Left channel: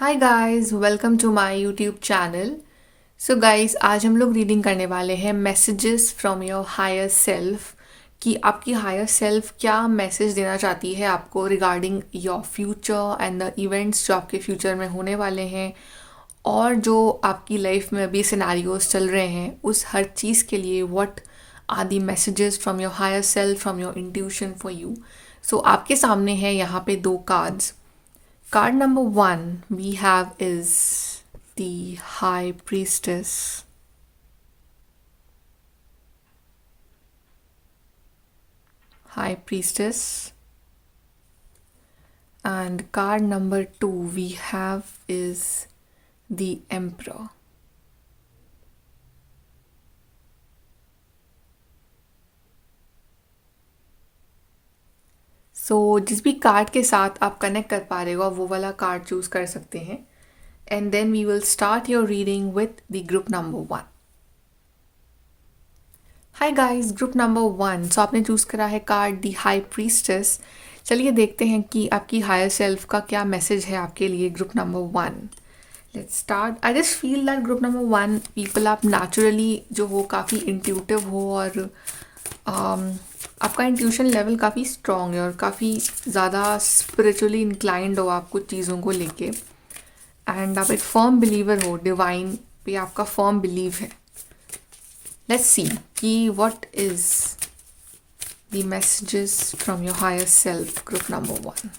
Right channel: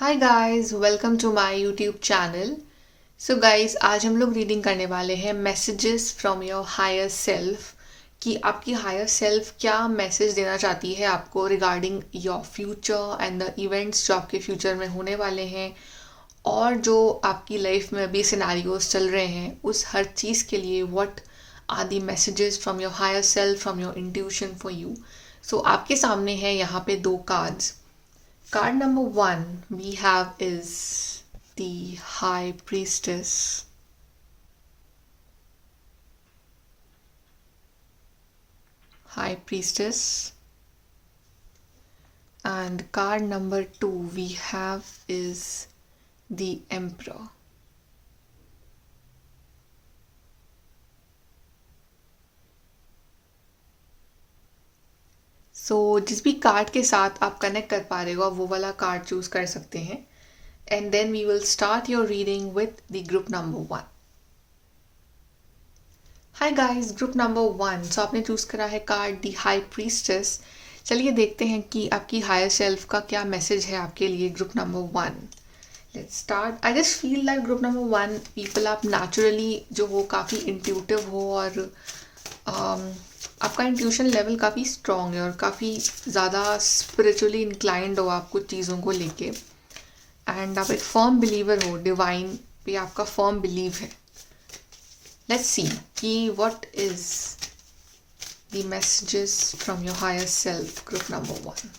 Hi guys, welcome to my YouTube channel. So guys, आज हम लोग रीडिंग करने वाले हैं messages from your higher self. कि आपकी हायर सेल्फ क्या मैसेज देना चाहती है आपको regarding your future and the events जो आपके फ्यूचर में होने वाले हैं, और जो आपकी लाइफ में अभी सिनेरियोज चल रहे हैं उस हर चीज़ के लिए what are the messages from your higher self, from your intuition for you. So आपके सामने है यहाँ पे दो cards. Card number one we have is the High Priestess. High Priestess. And card number two we have is the Emperor. सो जिस भी card के साथ आप कनेक्ट कर पा रहे हो आप वो वाला कार्ड चूज़ कर सकते हैं। And then we will start your reading with the group number one. Hi guys, group number one. So आपने चूज़ करा है कार्ड दी हाई प्रीस्टेस। चलिए देखते हैं कि आपकी हायर सेल्फ का क्या मैसेज है आपके लिए group number one. Let's start. I just feel that group number one people आप नेचुरली जो हो काफ़ी इंट्यूटिव हो, और आपका इंट्यूशन लेवल काफ़ी स्ट्रॉन्ग है और काफ़ी ज़्यादा स्पिरिचुअली इंक्लाइंड हो आप कुछ चीज़ों को लेके। एंड आप एक फर्म बिलीवर हो, डिवाइन पे आपका फर्म बिलीव है। लेट्स सी कि what is the messages from your higher self group number one.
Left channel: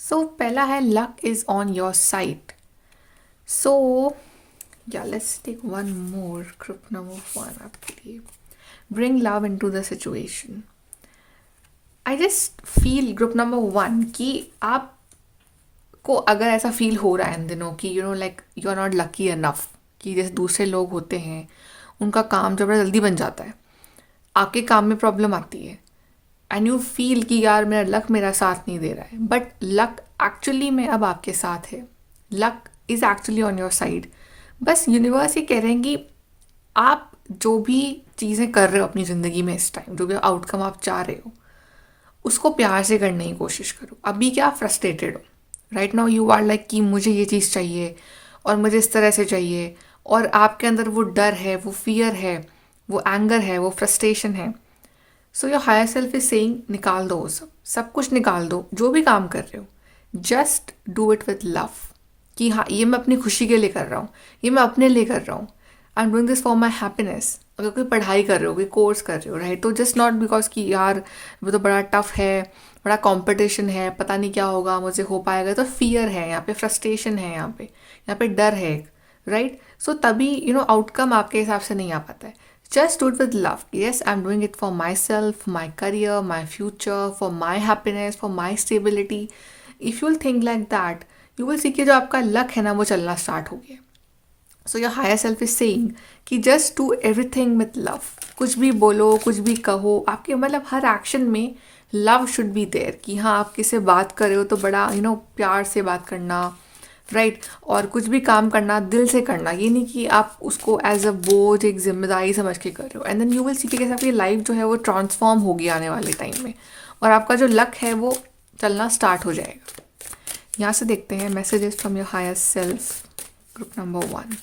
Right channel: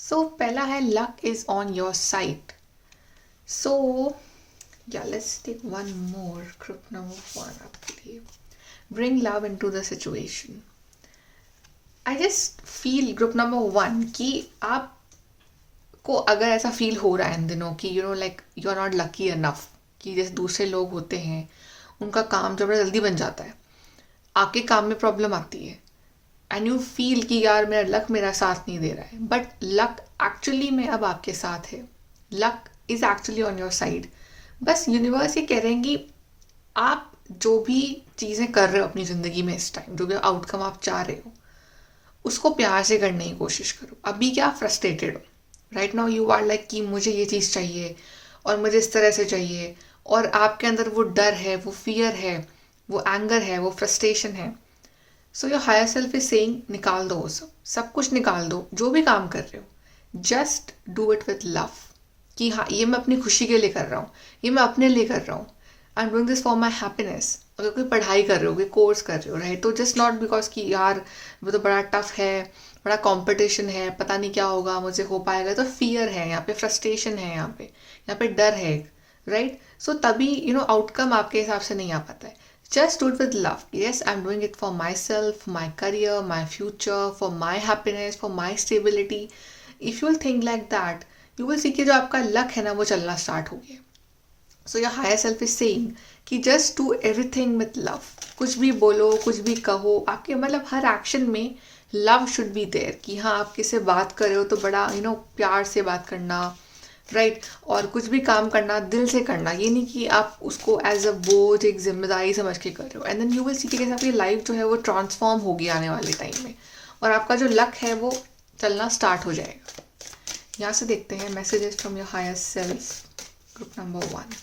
So पहला है luck is on your side. So yeah let's take one more group number one आपके लिए। Bring love into the situation. I just feel group number one कि आपको अगर ऐसा feel हो रहा है इन दिनों कि like you are not lucky enough, कि जैसे दूसरे लोग होते हैं उनका काम जो बड़ा जल्दी बन जाता है, आपके काम में प्रॉब्लम आती है एंड यू फील कि यार मेरा लक मेरा साथ नहीं दे रहा है, बट लक एक्चुअली में अब आपके साथ है। Luck is actually on your side. बस यूनिवर्स ये कह रहे हैं कि आप जो भी चीज़ें कर रहे हो अपनी ज़िंदगी में इस टाइम, जो भी आउटकम आप चाह रहे हो उसको प्यार से करने की कोशिश करो। अभी क्या फ्रस्ट्रेटेड हो, right now you are like कि मुझे ये चीज़ चाहिए और मुझे इस तरह से चाहिए, और आपके अंदर वो डर है, वो फियर है, वो एंगर है, वो फ्रस्ट्रेशन है। So your higher self is saying निकाल दो वो सब, सब कुछ निकाल दो। जो भी काम कर रहे हो just do it with love. कि हाँ, ये मैं अपनी खुशी के लिए कर रहा हूँ, ये मैं अपने लिए कर रहा हूँ। I am doing this for my happiness. अगर कोई पढ़ाई कर रहे हो, कोई कोर्स कर रहे हो, राइट, तो जस्ट नॉट बिकॉज कि यार वो तो बड़ा टफ है, बड़ा कंपटीशन है, पता नहीं क्या होगा, मुझे हो पाएगा, तो फियर है यहाँ पे, फ्रस्ट्रेशन है यहाँ पे डर है, राइट। सो तभी आउटकम आपके हिसाब से नहीं आ पाता है। Just do it with love. Yes, I'm doing it for myself, my career, my future, for my happiness, for my stability. If you'll think like that, you will see कि जो आपका लक है ना वो चलना स्टार्ट हो गया। So your higher self is saying कि just do everything with love. कुछ भी बोलो, कुछ भी कहो, आपके मतलब हर एक्शन में लव शुड बी देयर। कि हाँ, आप किसी से बात कर रहे हो तो बड़ा प्यार से बात करना, राइट। और कुछ भी काम करना दिल से करना, ये नहीं कि आप उसको एज अ बोझ, एक जिम्मेदारी समझ के कर रहे हो। And then you will see कि कैसे आपकी लाइफ जो है वो ट्रांसफॉर्म होगी आने वाले टाइम में, और आपका जो लक है वो चलना स्टार्ट हो जाएगा। यहाँ से देखते हैं messages from your higher self group number one.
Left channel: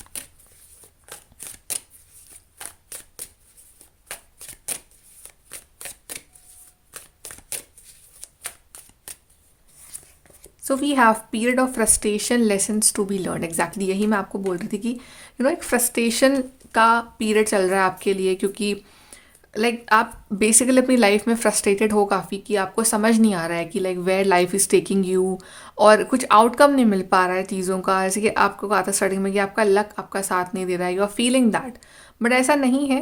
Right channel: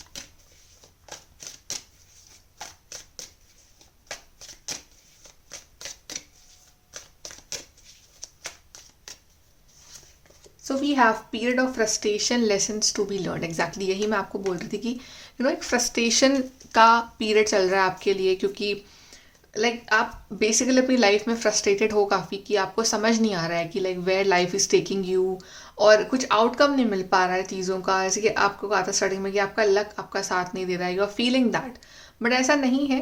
So we have period of frustration, lessons to be learn. Exactly यही मैं आपको बोल रही थी कि एक फ्रस्ट्रेशन का पीरियड चल रहा है आपके लिए, क्योंकि आप बेसिकली अपनी लाइफ में फ्रस्ट्रेटेड हो काफ़ी, कि आपको समझ नहीं आ रहा है कि where life is taking you, और कुछ आउटकम नहीं मिल पा रहा है चीज़ों का। जैसे कि आपको कहा था स्टार्टिंग में कि आपका लक आपका साथ नहीं दे रहा है, you are feeling that, but ऐसा नहीं है।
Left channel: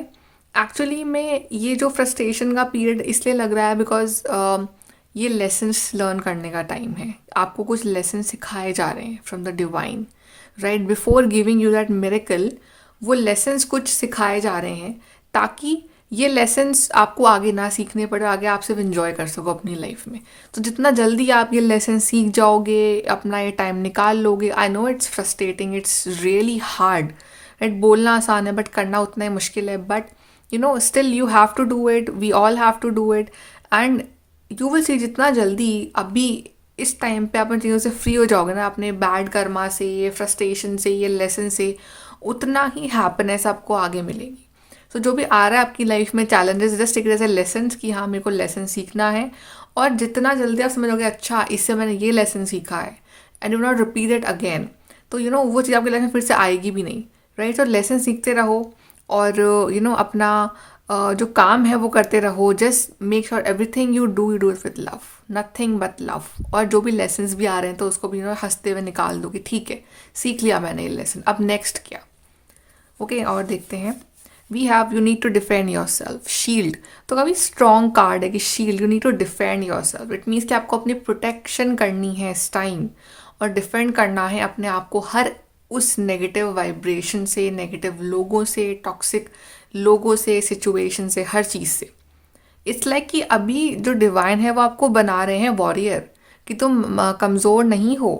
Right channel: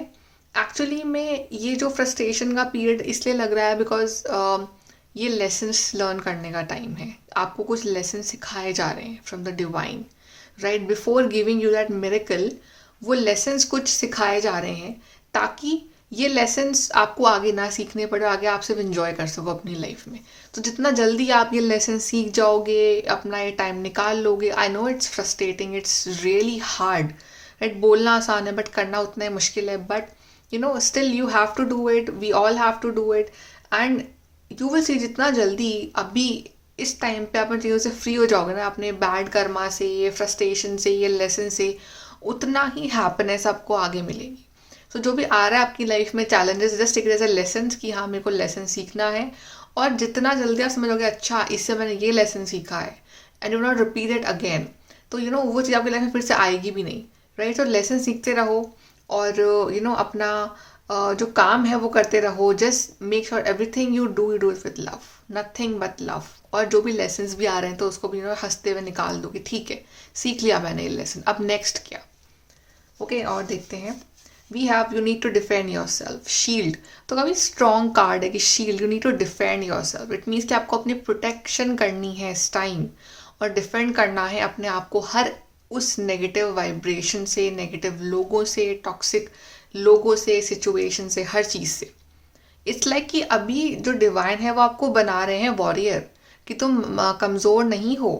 एक्चुअली में ये जो फ्रस्ट्रेशन का पीरियड इसलिए लग रहा है बिकॉज ये लेसन्स लर्न करने का टाइम है। आपको कुछ लेसन सिखाए जा रहे हैं from the divine, right. Before giving you that miracle, वो लेसन्स कुछ सिखाए जा रहे हैं ताकि ये लेसन्स आपको आगे ना सीखने पड़े, आगे आप सिर्फ इंजॉय कर सको अपनी लाइफ में। तो जितना जल्दी आप ये लेसन सीख जाओगे, अपना ये टाइम निकाल लोगे। I know it's frustrating, it's really hard, right? बोलना आसान है बट करना उतना ही मुश्किल है, but still you have to do it, we all have to do it, and you will see जितना जल्दी अभी इस टाइम पे आप इन चीज़ों से फ्री हो जाओगे ना, अपने बैड कर्मा से, ये फ्रस्ट्रेशन से, ये लेसन से, उतना ही हैप्पीनेस आपको आगे मिलेगी। सो जो भी आ रहा है आपकी लाइफ में challenges, just take it as a lesson कि हाँ मेरे को लेसन सीखना है, और जितना जल्दी आप समझोगे अच्छा इससे मैंने ये लेसन सीखा है and you not repeat it again, तो वो चीज़ आपकी लाइफ में फिर से आएगी भी नहीं, राइट? तो लेसन सीखते रहो और अपना जो काम है वो करते रहो। Just make sure everything you do it with love, nothing but love. और जो भी लेसन्स भी आ रहे हैं तो उसको भी हंसते हुए निकाल दो कि ठीक है, सीख लिया मैंने ये लेसन, अब नेक्स्ट क्या। ओके, और देखते हैं। We have you need to defend yourself, shield. तो काफ़ी स्ट्रॉन्ग कार्ड है कि shield, you need to defend yourself. It means कि आपको अपनी प्रोटेक्शन करनी है इस टाइम, और डिफेंड करना है अपने आप को हर उस नेगेटिव वाइब्रेशन से, नेगेटिव लोगों से, टॉक्सिक लोगों से, सिचुएशन से, हर चीज़ से। इट्स लाइक कि अभी जो डिवाइन है वो आपको बना रहे हैं वॉरियर, कि तुम कमज़ोर नहीं हो,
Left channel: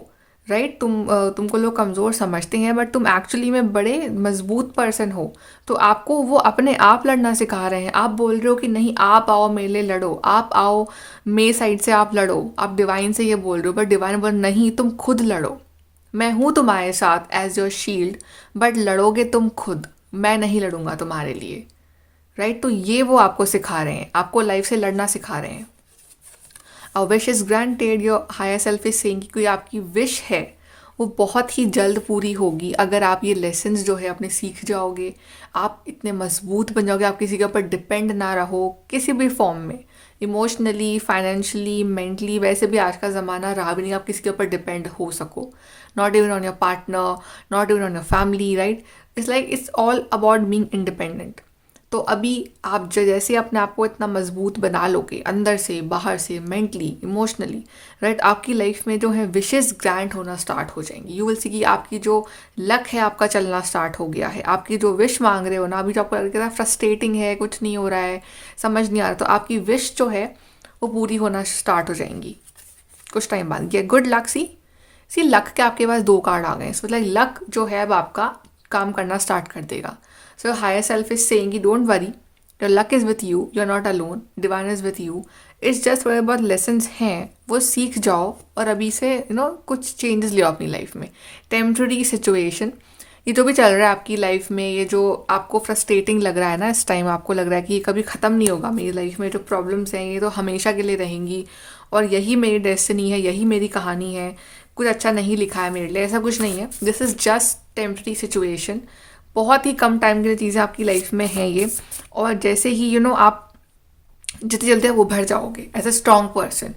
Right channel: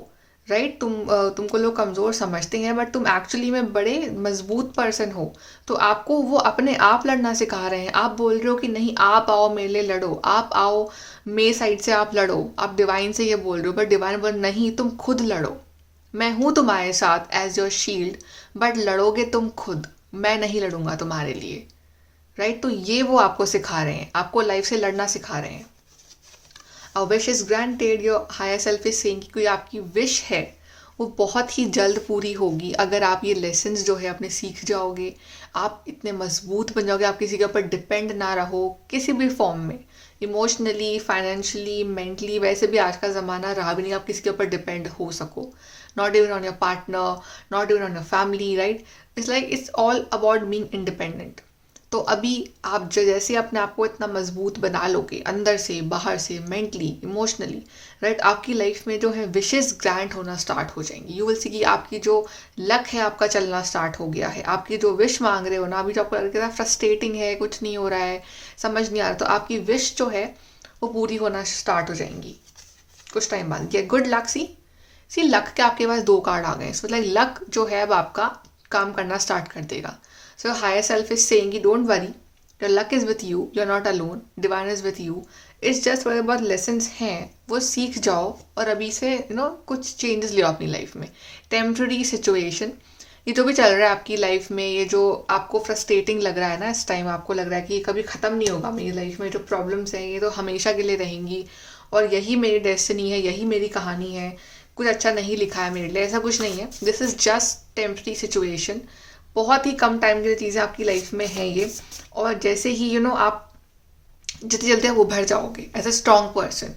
राइट? तुमको लोग कमज़ोर समझते हैं बट तुम एक्चुअली में बड़े मजबूत पर्सन हो। तो आपको वो अपने आप लड़ना सिखा रहे हैं। आप बोल रहे हो कि नहीं आप आओ मेरे लिए लड़ो, आप आओ मेरे साइड से आप लड़ो, आप डिवाइन से ये बोल रहे हो, बट डिवाइन बोल नहीं तुम खुद लड़ो, मैं हूँ तुम्हारे साथ एज योर शील्ड, बट लड़ोगे तुम खुद, मैं नहीं लड़ूंगा तुम्हारे लिए, राइट? तो ये वो आपको सिखा रहे हैं, आपको लाइफ से लड़ना सिखा रहे हैं। A wish is granted, your higher self is saying कि कोई आपकी विश है वो बहुत ही जल्द पूरी होगी अगर आप ये लेसन्स जो है अपने सीख जाओगे। आप इतने मजबूत बन जाओगे, आप किसी के ऊपर डिपेंड ना रहो किसी भी फॉर्म में, इमोशनली, फाइनेंशियली, मेंटली। वैसे भी आज का ज़माना रहा भी नहीं आप किसी के ऊपर डिपेंड हो सको, not even on your partner, not even on your family, right? It's like it's all about being independent. तो अभी आप जैसे अपने आप को इतना मजबूत बना लोगे अंदर से, बाहर से, मेंटली, इमोशनली, राइट, आपकी लाइफ में जो है विशेस ग्रांट होना स्टार्ट हो जाएंगी। यू विल सी कि आपकी जो लक है आपका चलना स्टार्ट हो गया है। आपकी जो विश मांग रहे हो ना, अभी जो आपको लग रहा है फ्रस्ट्रेटिंग है, कुछ नहीं हो रहा है, समझ नहीं आ रहा, तो आपकी विश जो है वो पूरी होना स्टार्ट हो जाएंगी कुछ टाइम बाद। ये गुड लक, सी लक के आपके पास 2 कार्ड आ गए। सो मतलब लक जो है अब आपका काम करना स्टार्ट कर देगा। So your higher self is saying कि don't worry, your luck is with you, you're not alone, divine is with you. It's just whatever बहुत lessons हैं वो सीख जाओ और अभी से कुछ changes ले आओ अपनी लाइफ में। Temporary situation, ये जो भी चल रहा है आपकी लाइफ में, ये जो आपको फ्रस्ट्रेटिंग लग रहा है ना इस टाइम, आपको लग रहा है कि ये कभी ख़त्म नहीं होगा, मेरी लाइफ में जो प्रॉब्लम्स हैं ये तो हमेशा के लिए रहेंगी और यही मेरी डेस्टिनी है, यही मेरी कहानी है, कुछ अच्छा नहीं लिखा है मेरे लिए, ऐसा कुछ नहीं है। This is just temporary situation, बहुत ही कम टाइम के लिए चीज़ें आपकी लाइफ में हैं ये। और जैसे ही आप जितनी जल्दी आप उभर जाओगे एज अ स्ट्रॉन्ग पर्सन,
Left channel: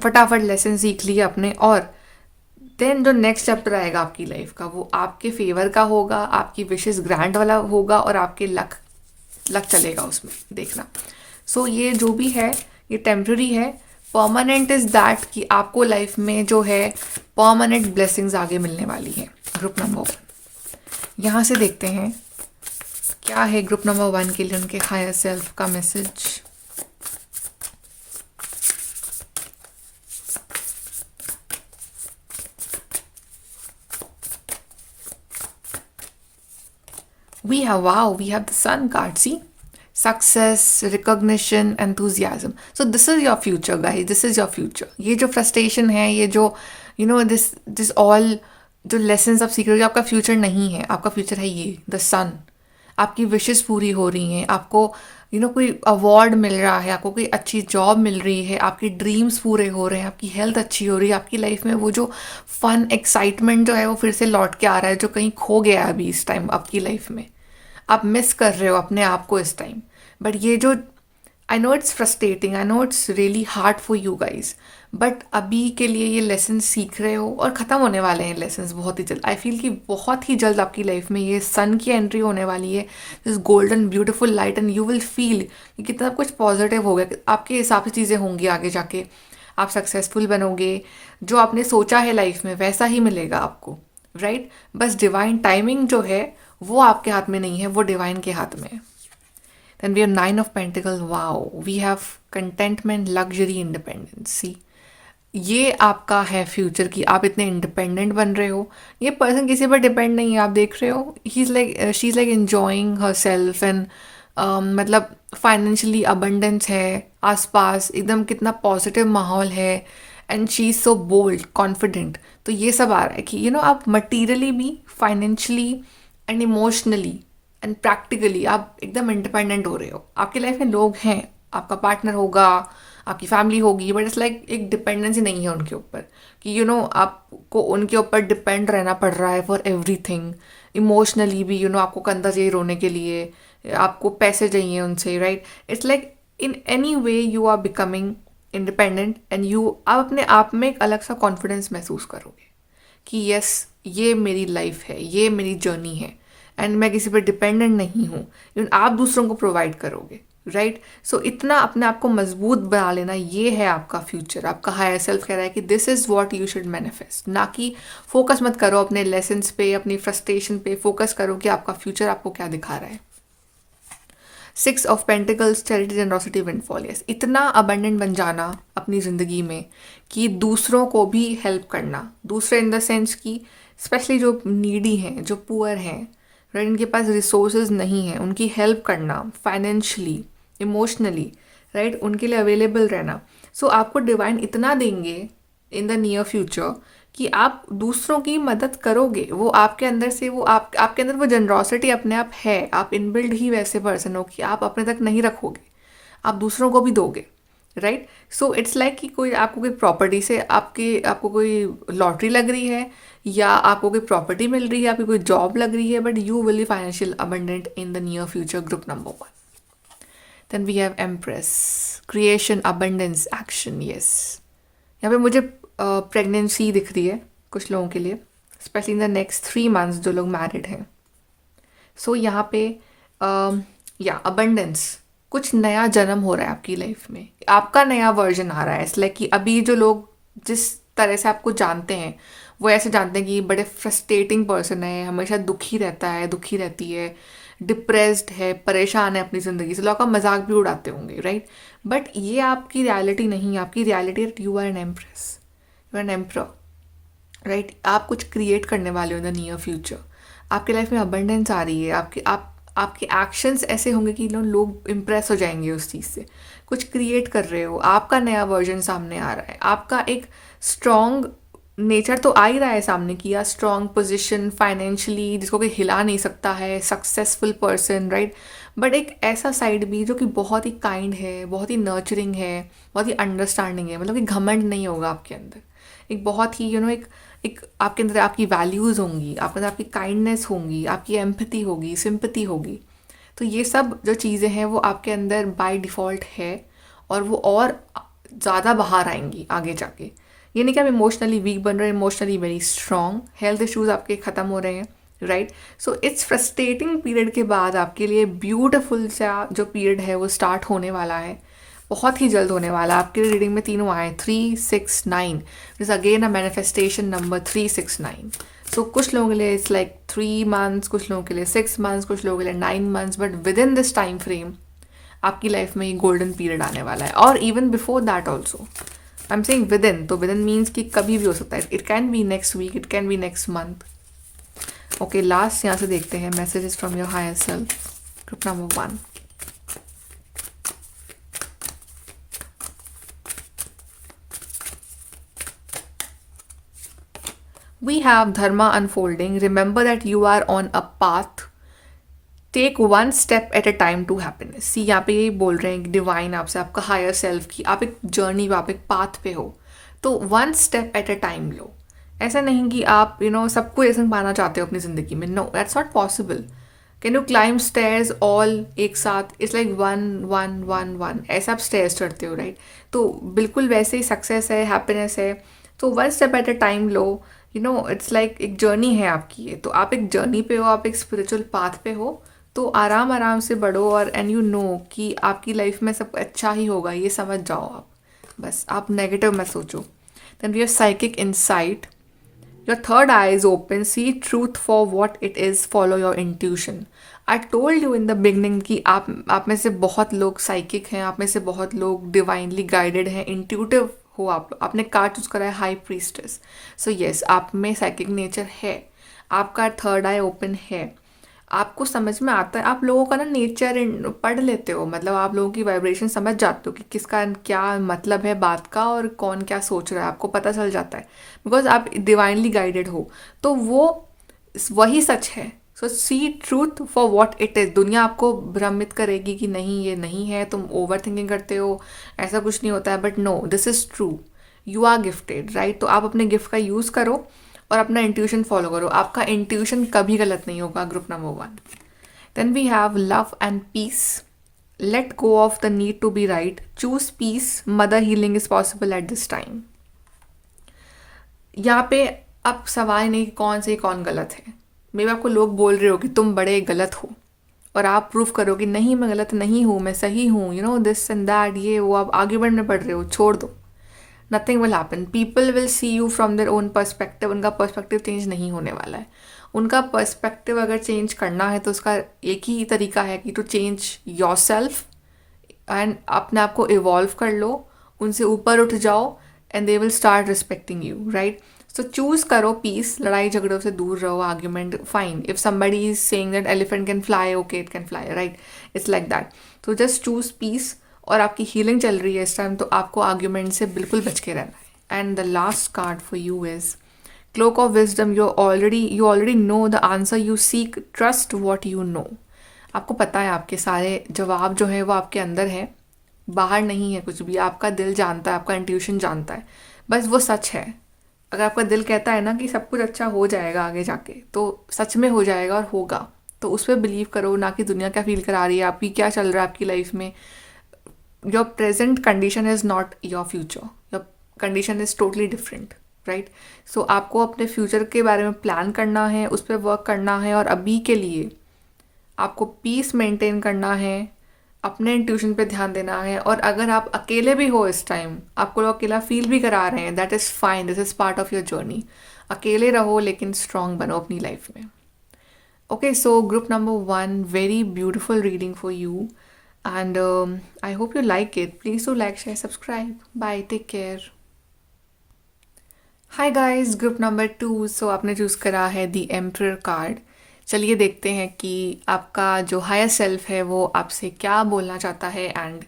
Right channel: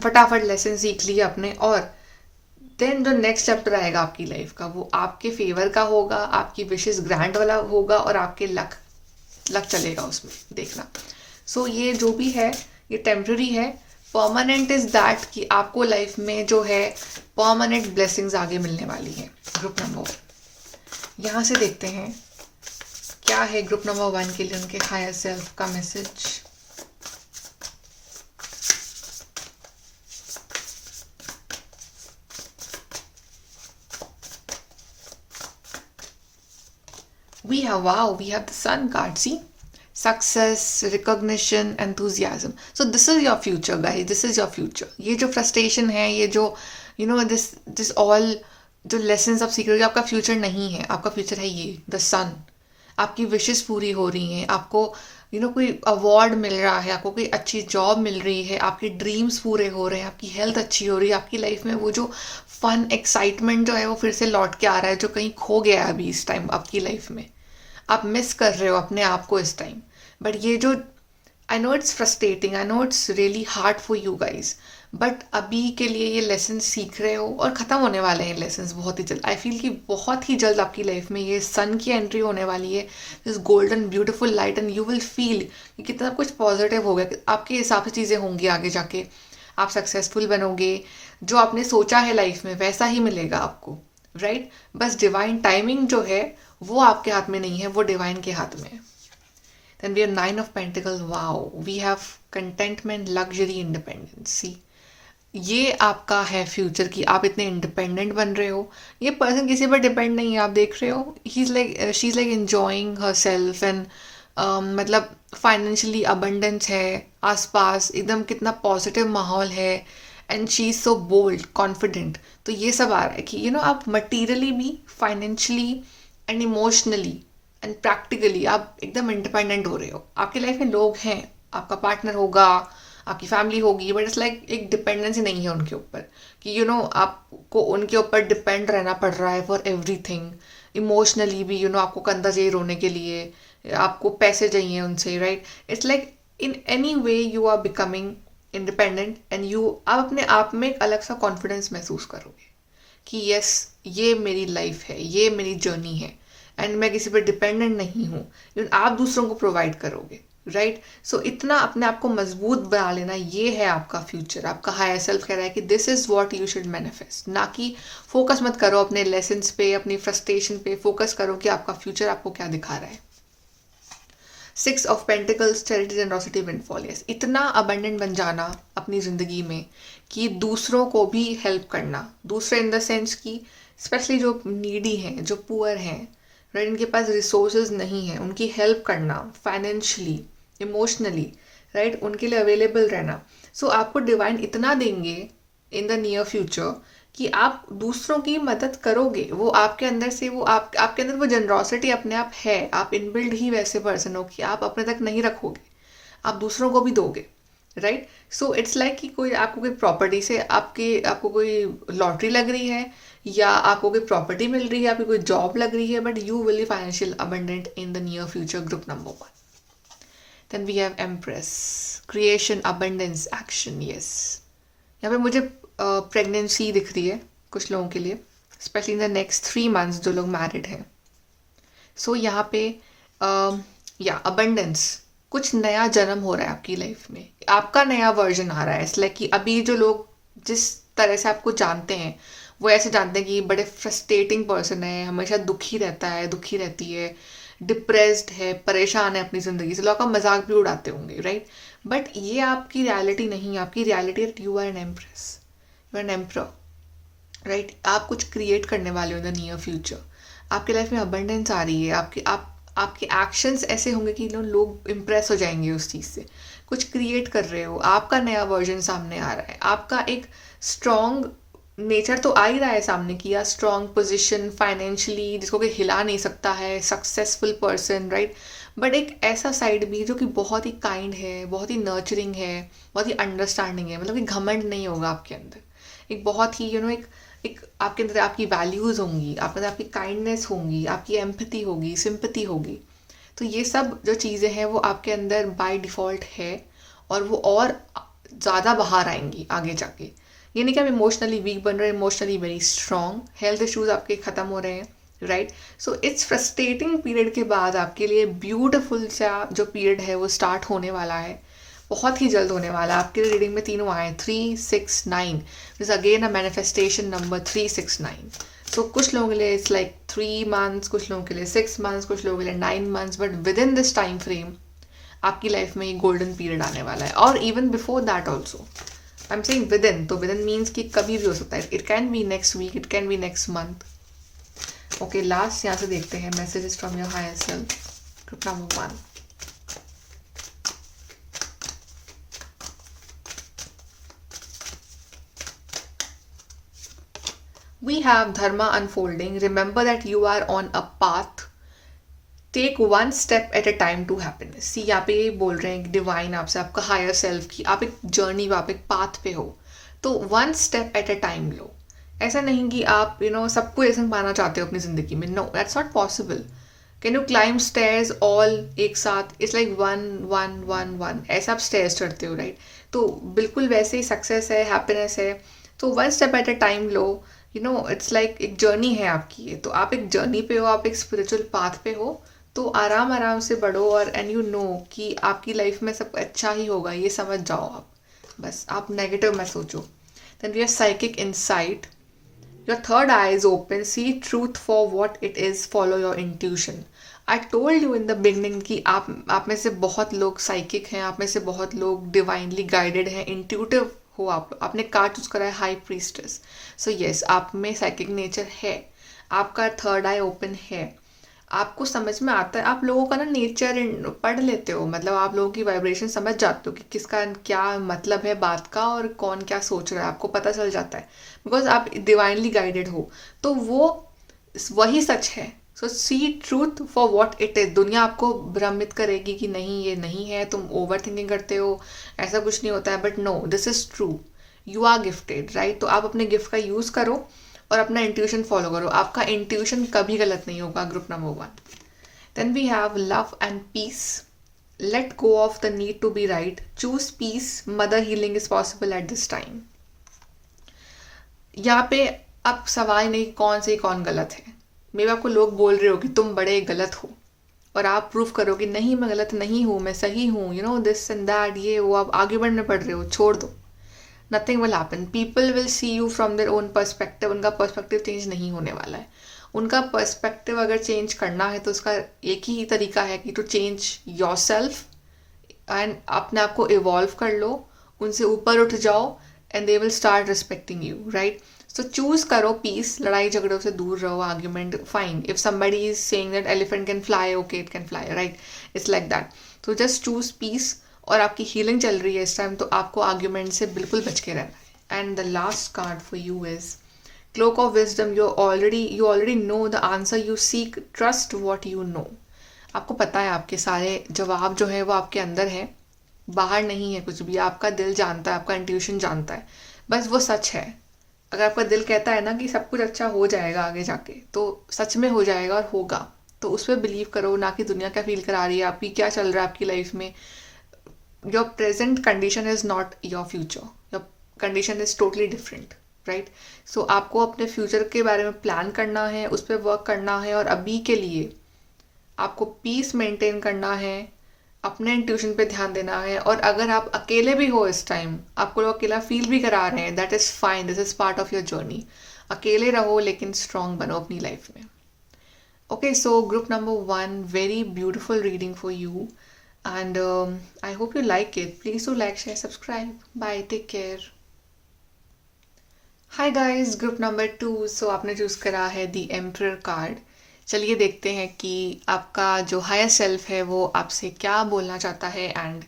फटाफट लेसन सीख लिए अपने, और देन जो नेक्स्ट चैप्टर आएगा आपकी लाइफ का वो आपके फेवर का होगा, आपकी विशेस ग्रांट वाला होगा और आपके लक चलेगा उसमें, देखना। सो ये जो भी है ये टेम्पररी है। परमानेंट इज़ दैट कि आपको लाइफ में जो है परमानेंट ब्लेसिंग्स आगे मिलने वाली है। ग्रुप नंबर 1 यहाँ से देखते हैं क्या है ग्रुप नंबर 1 के लिए उनके हायर सेल्फ का message. We have the sun card, see? Success, recognition, enthusiasm. So this is your future, guys. This is your future. ये जो frustration है, ये जो this all जो lessons आप सीख रहे हो, आपका फ्यूचर नहीं है। आपका फ्यूचर है ये द सन। आपकी विशेस पूरी हो रही हैं, आपको कोई अवार्ड मिल रहा है, आपको कोई अच्छी जॉब मिल रही है, आपके ड्रीम्स पूरे हो रहे हैं, आपकी हेल्थ अच्छी हो रही है, आपकी लाइफ में वो जो फन एक्साइटमेंट जो है वो फिर से लौट के आ रहा है, जो कहीं खो गया है अभी इस टाइम आपकी लाइफ में। आप मिस कर रहे हो अपने आप को इस टाइम। बट ये जो आई know it's frustrating, I know it's really hard for you guys, but अभी के लिए ये लेसन सीख रहे हो और ख़त्म होने वाले हैं लेसन बहुत ही जल्द। आई फील कि बहुत ही जल्द आपकी लाइफ में ये सन की एंट्री होने वाली है, this golden beautiful light, and you will feel कि कितना कुछ पॉजिटिव हो गया। आपके हिसाब से चीज़ें होंगी आगे जाके, आप सक्सेसफुल बनोगे, जो आपने सोचा है लाइफ में वैसा ही मिलेगा आपको, राइट? बस डिवाइन टाइमिंग जो है वो आपके हाथ में नहीं है, वो डिवाइन के हाथ में है। Then we have 9 of Pentacles. Wow, we have contentment, luxury, independence. See, ये आपका है फ्यूचर कि आप इतने इंडिपेंडेंट बन रहे हो। ये पर्सन किसी पर डिपेंड नहीं है, आप देख रहे हो, he is like she is like enjoying herself and मतलब फाइनेंशियली अबंडेंस है आसपास, एकदम कितना पॉजिटिव माहौल है, and she is so bold confident. तो ये सब आ रहा है कि आप मटीरियली भी, financially and emotionally and practically आप एकदम इंडिपेंडेंट हो रहे हो। आपकी लाइफ में लोग हैं, आपका पार्टनर होगा, आपकी फैमिली होगी, बट इट्स लाइक एक डिपेंडेंसी नहीं है उनके ऊपर कि आपको उनके ऊपर डिपेंड रहना पड़ रहा है फॉर एवरीथिंग। इमोशनली भी आपको कंधा चाहिए रोने के लिए, आपको पैसे चाहिए उनसे, right. It's like in any way you are becoming independent and आप अपने आप में एक अलग सा कॉन्फिडेंस महसूस करोगे कि यस, ये मेरी लाइफ है, ये मेरी जर्नी है, एंड मैं किसी पर डिपेंडेंट नहीं हूँ। आप दूसरों को प्रोवाइड करोगे, राइट। सो इतना अपने आप को मजबूत बना लेना, ये है आपका फ्यूचर। आपका हायर सेल्फ कह रहा है कि this is what you should manifest. ना कि फोकस मत करो अपने लेसन्स पे, अपनी फ्रस्ट्रेशन पे, फोकस करो कि आपका फ्यूचर आपको क्या दिखा रहा है। 6 of Pentacles, charity, generosity, windfall. Yes, इतना अबंडेंट बन जाना अपनी ज़िंदगी में कि दूसरों को भी हेल्प करना। दूसरे इन द सेंस कि स्पेशली जो नीडी हैं, जो पुअर हैं, राइट, इनके पास रिसोर्सेज नहीं है, उनकी हेल्प करना फाइनेंशियली, इमोशनली, राइट, उनके लिए अवेलेबल रहना। सो आपको डिवाइन इतना देंगे इन द नियर फ्यूचर कि आप दूसरों की मदद करोगे। वो आपके अंदर से, वो आपके अंदर वो जनरॉसिटी अपने आप है। आप इनबिल्ड ही वैसे पर्सन हो कि आप अपने तक नहीं रखोगे, आप दूसरों को भी दोगे, राइट। सो इट्स लाइक कि कोई आपको कोई प्रॉपर्टी से आपको कोई लॉटरी लग रही है, या आपको कोई प्रॉपर्टी मिल रही है, आपकी कोई जॉब लग रही है, but you will be financial abundant in the near future. Group number 1। Then we have empress, creation, abundance, action. Yes, यहाँ पे मुझे प्रेगनेंसी दिख रही है कुछ लोगों के लिए, specially in the next 3 months जो लोग मैरिड हैं। सो यहाँ पे या अबंडेंस, कुछ नया जन्म हो रहा है आपकी लाइफ में, आपका नया वर्जन आ रहा है। इसलिए कि अभी जो लोग जिस तरह से आपको जानते हैं, वो ऐसे जानते हैं कि बड़े फ्रस्ट्रेटिंग पर्सन है, हमेशा दुखी रहता है, दुखी रहती है, डिप्रेस्ड है, परेशान है अपनी ज़िंदगी से, लोग का मजाक भी उड़ाते होंगे, राइट। बट ये आपकी रियलिटी नहीं है। आपकी रियलिटी है you are an empress, you are an emperor, right. आप कुछ क्रिएट करने वाले हो इन द नियर फ्यूचर। आपकी लाइफ में अबंडेंस आ रही है, आपके एक्शंस ऐसे होंगे कि लोग इम्प्रेस हो जाएंगे उस चीज़ से। कुछ क्रिएट कर रहे हो, आपका नया वर्जन सामने आ रहा है, आपका एक स्ट्रॉन्ग नेचर तो आ ही रहा है सामने कि या स्ट्रॉन्ग पोजिशन फाइनेंशियली, जिसको कोई हिला नहीं सकता है, सक्सेसफुल पर्सन, राइट। बट एक ऐसा साइड भी जो कि बहुत ही काइंड है, बहुत ही नर्चरिंग है, बहुत ही अंडरस्टैंडिंग है। मतलब कि घमंड नहीं होगा आपके अंदर। एक बहुत ही एक आपके अंदर आपकी वैल्यूज़ होंगी, आपके अंदर आपकी काइंडनेस होंगी, आपकी एम्पैथी होगी, सिंपैथी होगी। तो ये सब जो चीज़ें हैं वो आपके अंदर बाय डिफ़ॉल्ट है, और वो और ज़्यादा बाहर आएंगी आगे जाके। ये नहीं कि आप इमोशनली वीक बन रहे हैं, emotionally very strong, health issues आपके ख़त्म हो रहे हैं, right. So it's frustrating period के बाद आपके लिए ब्यूटिफुल सा जो पीरियड है वो स्टार्ट होने वाला है, बहुत ही जल्द होने वाला है। आपके रीडिंग में तीनों आए, 369, this again a manifestation number 369। सो कुछ लोगों के लिए इट्स लाइक 3 months, कुछ लोगों के लिए 6 months, कुछ लोगों के लिए 9 months, but with in this time frame आपकी लाइफ में ये गोल्डन पीरियड आने वाला है। और even before that also, I am saying with in, तो विद इन मीन्स कि कभी भी हो सकता है। It can be next week, it can be next month. Okay, last यहाँ से देखते हैं messages from your higher self, group number 1। We have Dharma unfolding. Remember that you are on a path. Take one step at a time to happiness. See यहाँ पे ये बोल रहे हैं डिवाइन आपसे, आपका हायर सेल्फ की, आप एक जर्नी पे, आप एक पाथ पे हो, तो one step at a time लो। ऐसा नहीं कि आप सब कुछ ऐसा पाना चाहते हो अपनी ज़िंदगी में, no, that's not possible. Can you climb stairs all एक साथ? It's like one one one one, ऐसा आप स्टेयर्स चढ़ते हो, राइट। तो बिल्कुल वैसे ही सक्सेस है, हैप्पीनेस है, तो one step at a time low. It's like एक जर्नी है आपकी ये, तो आप एक जर्नी पे हो, आप एक स्पिरिचुअल पाथ पे हो, तो आराम आराम से बढ़ो। और एंड यू नो कि आपकी लाइफ में सब अच्छा ही होगा, ये समझ जाओ आप, बस आप नेगेटिव मत सोचो। Then we are psychic insight, your third eye is open, see truth for what it is, follow your intuition. I told you in the beginning कि आप में से बहुत लोग साइकिक हैं, आप में से बहुत लोग डिवाइनली गाइडेड हैं, इंट्यूटिव हो आपने कार्ड चूज करा है हाई प्रीस्टेस। सो यस, आप में साइकिक नेचर है, आपका थर्ड आई ओपन है, आपको समझ में आता है, आप लोगों का ना नेचर पढ़ लेते हो, मतलब आप लोगों की वाइब्रेशन समझ जाते हो कि किसका क्या मतलब है बात का और कौन क्या सोच रहा है, आपको पता चल जाता है बिकॉज आप डिवाइनली गाइडेड हो। तो वो वही सच है। So see truth for what it is. दुनिया आपको भ्रमित करेगी कि नहीं ये नहीं है, तुम ओवर थिंकिंग करते हो, ऐसा कुछ नहीं होता है, but no, this is true. You are gifted, right? तो आप अपने गिफ्ट का यूज़ करो और अपना इंट्यूशन फॉलो करो, आपका इंट्यूशन कभी गलत नहीं होगा। Group number 1। Then we have love and peace. Let go of the need to be right, choose peace, mother healing is possible at this time. यहाँ पे अब सवाल नहीं कौन सही कौन गलत है। मे बी आपको लोग बोल रहे हो कि तुम बड़े गलत हो और आप प्रूव करो कि नहीं मैं गलत नहीं हूँ, मैं सही हूँ, you know this and that, ये वो, आप आगे बढ़ने पड़ रहे हो, छोड़ दो। Nothing will happen, people will see you from their own perspective. उनका पर्सपेक्टिव चेंज नहीं होने वाला है। उनका पर्सपेक्टिव अगर चेंज करना है तो उसका एक ही तरीका है कि to change yourself and अपने आप को इवॉल्व कर लो, उनसे ऊपर उठ जाओ and they will start respecting you, right? So choose करो पीस, लड़ाई झगड़ों से दूर रहो, argument fine, if somebody is saying that elephant can fly, okay it can fly, right? It's like that. तो जस्ट चूज पीस, और आपकी healing चल रही है इस टाइम, तो आपको आर्ग्यूमेंट से बिल्कुल बच के रहना है। And the last card for you is cloak of wisdom. You already know the answer you seek, trust what you know. आपको पता है आपके सारे जवाब जो है वो आपके अंदर है, बाहर नहीं है कुछ भी। आपका दिल जानता है, आपका इंट्यूशन जानता है, बस वो सच है। अगर आपका दिल कहता है ना कि सब कुछ अच्छा हो जाएगा आगे जाके, तो सच में हो जाएगा और होगा। तो उस पर बिलीव करो, ना कि दुनिया क्या फील करा रही है, आपकी क्या चल रहा है आपकी लाइफ में। Your present condition is not your future, your condition is totally different, right? So आपको अपने फ्यूचर के बारे में प्लान करना है, उस पर वर्क करना है, और अभी के लिए आपको पीस मेंटेन करना है, अपने इंट्यूशन पे ध्यान देना है। और अगर आप अकेले भी हो इस टाइम, आपको लोग अकेला फील भी करा रहे हैं, that is fine, this is part of your journey. अकेले रहो लेकिन स्ट्रांग बनो अपनी लाइफ में। Okay, so group number 1, very beautiful reading for you and I hope you like it. Please do like, share, subscribe. Bye, take care. Hi guys, group number 2. So आपने choose करा है the emperor card. चलिए देखते हैं कि आपका जो higher self है वो आपसे क्या बोलना चाहता है एंड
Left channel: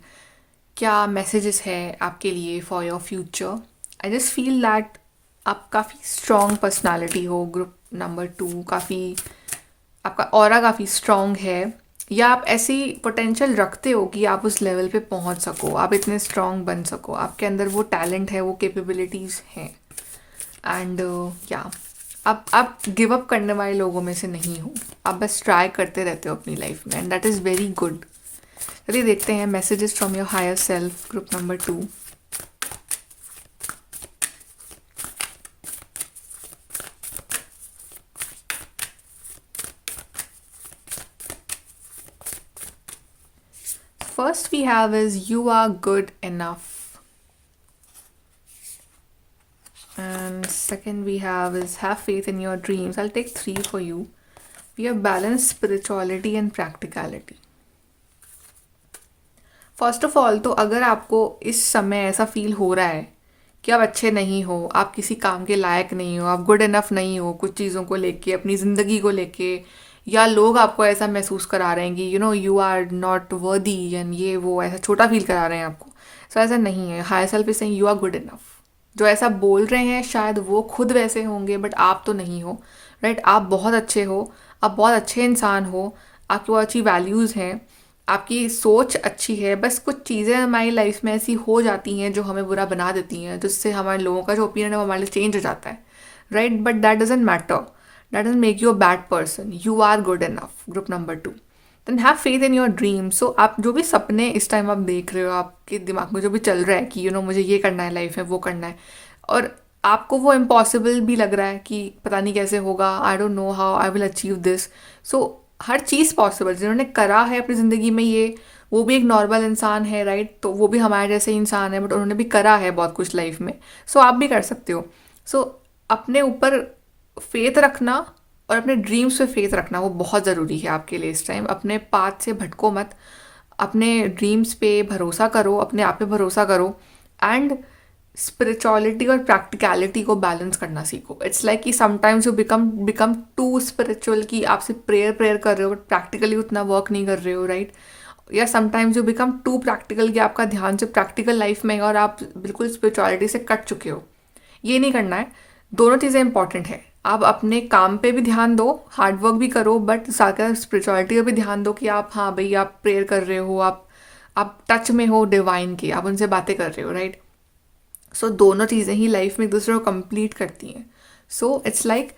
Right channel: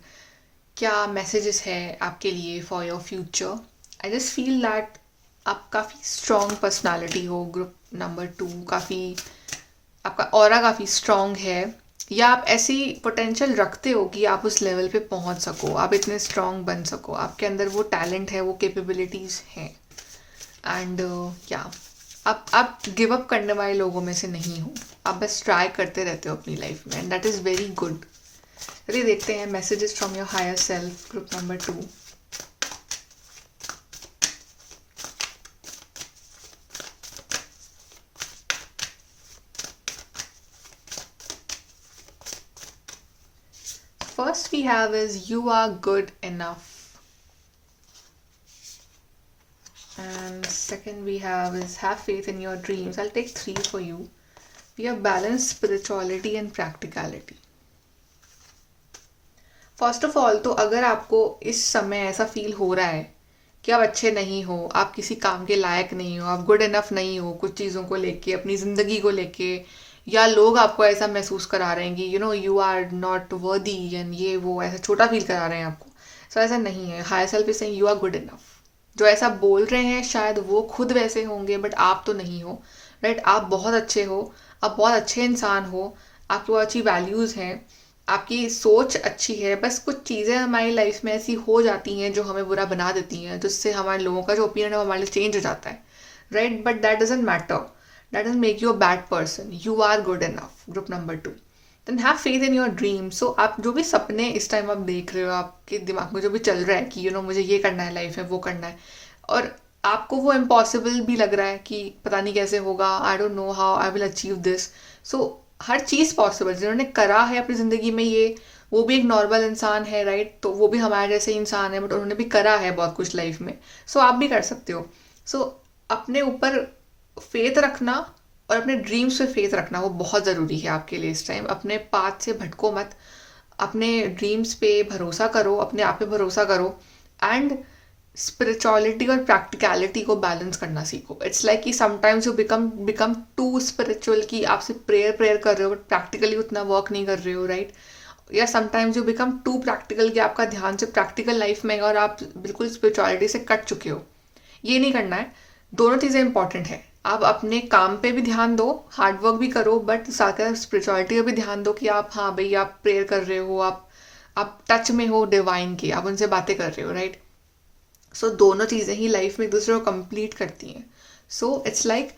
क्या मैसेजेस है आपके लिए for your future. I just feel that आप काफ़ी स्ट्रॉन्ग पर्सनालिटी हो ग्रुप नंबर 2, काफ़ी आपका ऑरा काफ़ी स्ट्रॉन्ग है, या आप ऐसी पोटेंशियल रखते हो कि आप उस लेवल पे पहुंच सको, आप इतने स्ट्रॉन्ग बन सको, आपके अंदर वो टैलेंट है, वो कैपेबिलिटीज़ हैं। एंड या आप गिव अप करने वाले लोगों में से नहीं हो, आप बस ट्राई करते रहते हो अपनी लाइफ में, and that is very good. चलिए देखते हैं messages from your higher self group number 2। First we have is you are good enough, and second we have is have faith in your dreams. I'll take 3 for you. We have balance, spirituality and practicality. First of all, तो अगर आपको इस समय ऐसा feel हो रहा है कि आप अच्छे नहीं हो, आप किसी काम के लायक नहीं हो, आप गुड इनफ नहीं हो कुछ चीज़ों को लेके, अपनी ज़िंदगी को लेके, या लोग आपको ऐसा महसूस करा रहे हैं कि you know you are not worthy and ये वो, ऐसा छोटा फील करा रहे हैं आपको, सो ऐसा नहीं है। Higher self is saying you are good enough. जो ऐसा बोल रहे हैं शायद वो खुद वैसे होंगे, बट आप तो नहीं हो, राइट? आप बहुत अच्छे हो, आप बहुत अच्छे इंसान हो, आपकी बहुत अच्छी वैल्यूज़ हैं, आपकी सोच अच्छी है। बस कुछ चीज़ें हमारी लाइफ में ऐसी हो जाती हैं जो हमें बुरा बना देती हैं, जिससे हमारे लोगों का जो ओपिनियन है वो हमारे लिए चेंज हो जाता है, right? But that doesn't matter, that doesn't make you a bad person, you are good enough. Group number 2, then have faith in your dream. So आप जो भी सपने इस टाइम आप देख रहे हो, आपके दिमाग में जो भी चल रहा है कि यू नो मुझे ये करना है लाइफ में, वो करना है, और आपको वो इम्पॉसिबल भी लग रहा है कि पता नहीं कैसे होगा, I don't know how I will achieve this. So her cheese possible, जिन्होंने करा है अपनी ज़िंदगी में ये, वो भी एक नॉर्मल इंसान है, राइट? तो वो भी हमारे जैसे इंसान है, बट उन्होंने भी करा है बहुत कुछ लाइफ में, सो आप भी कर सकते हो। सो अपने ऊपर फेथ रखना और अपने ड्रीम्स पे फेथ रखना वो बहुत ज़रूरी है आपके लिए इस टाइम। अपने पाथ से भटको मत, अपने ड्रीम्स पे भरोसा करो, अपने आप पे भरोसा करो, एंड स्पिरिचुअलिटी और प्रैक्टिकलिटी को बैलेंस करना सीखो. इट्स लाइक कि sometimes you become too spiritual कि आप सिर्फ प्रेयर कर रहे हो बट प्रैक्टिकली उतना वर्क नहीं कर रहे हो, राइट. या sometimes you become too practical कि आपका ध्यान से प्रैक्टिकल लाइफ में है और आप बिल्कुल स्पिरिचुअलिटी से कट चुके हो. ये नहीं करना है. दोनों चीज़ें इंपॉर्टेंट है. आप अपने काम पे भी ध्यान दो, हार्ड वर्क भी करो, बट साथ में स्पिरिचुअलिटी पे भी ध्यान दो कि आप, हाँ भाई, आप प्रेयर कर रहे हो, आप टच में हो डिवाइन की, आप उनसे बातें कर रहे हो, राइट. सो दोनों चीज़ें ही लाइफ में एक दूसरे को कंप्लीट करती हैं. सो इट्स लाइक,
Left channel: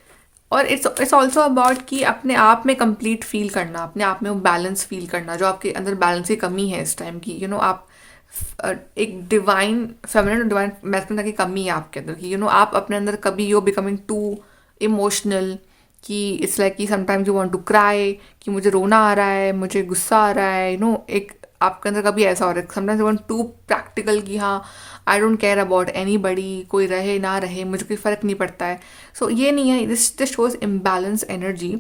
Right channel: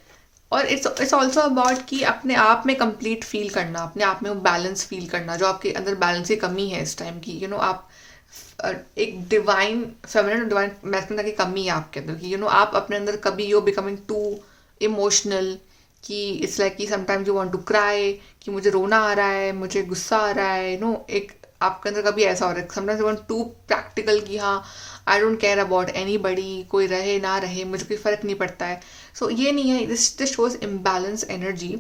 और इट्स ऑल्सो अबाउट कि अपने आप में कंप्लीट फील करना, अपने आप में वो बैलेंस फील करना जो आपके अंदर बैलेंस की कमी है इस टाइम की. आप एक डिवाइन फेमिनिन और डिवाइन मैस्कुलिन की कमी है आपके अंदर कि आप अपने अंदर कभी यू बिकमिंग टू इमोशनल कि इट्स लाइक कि sometimes you want to cry, कि मुझे रोना आ रहा है, मुझे गुस्सा आ रहा है, एक आपके अंदर कभी ऐसा हो रहा है. Sometimes you want to practical कि हाँ, I don't care about anybody, कोई रहे ना रहे मुझे कोई फ़र्क नहीं पड़ता है. सो ये नहीं है. This shows imbalance energy.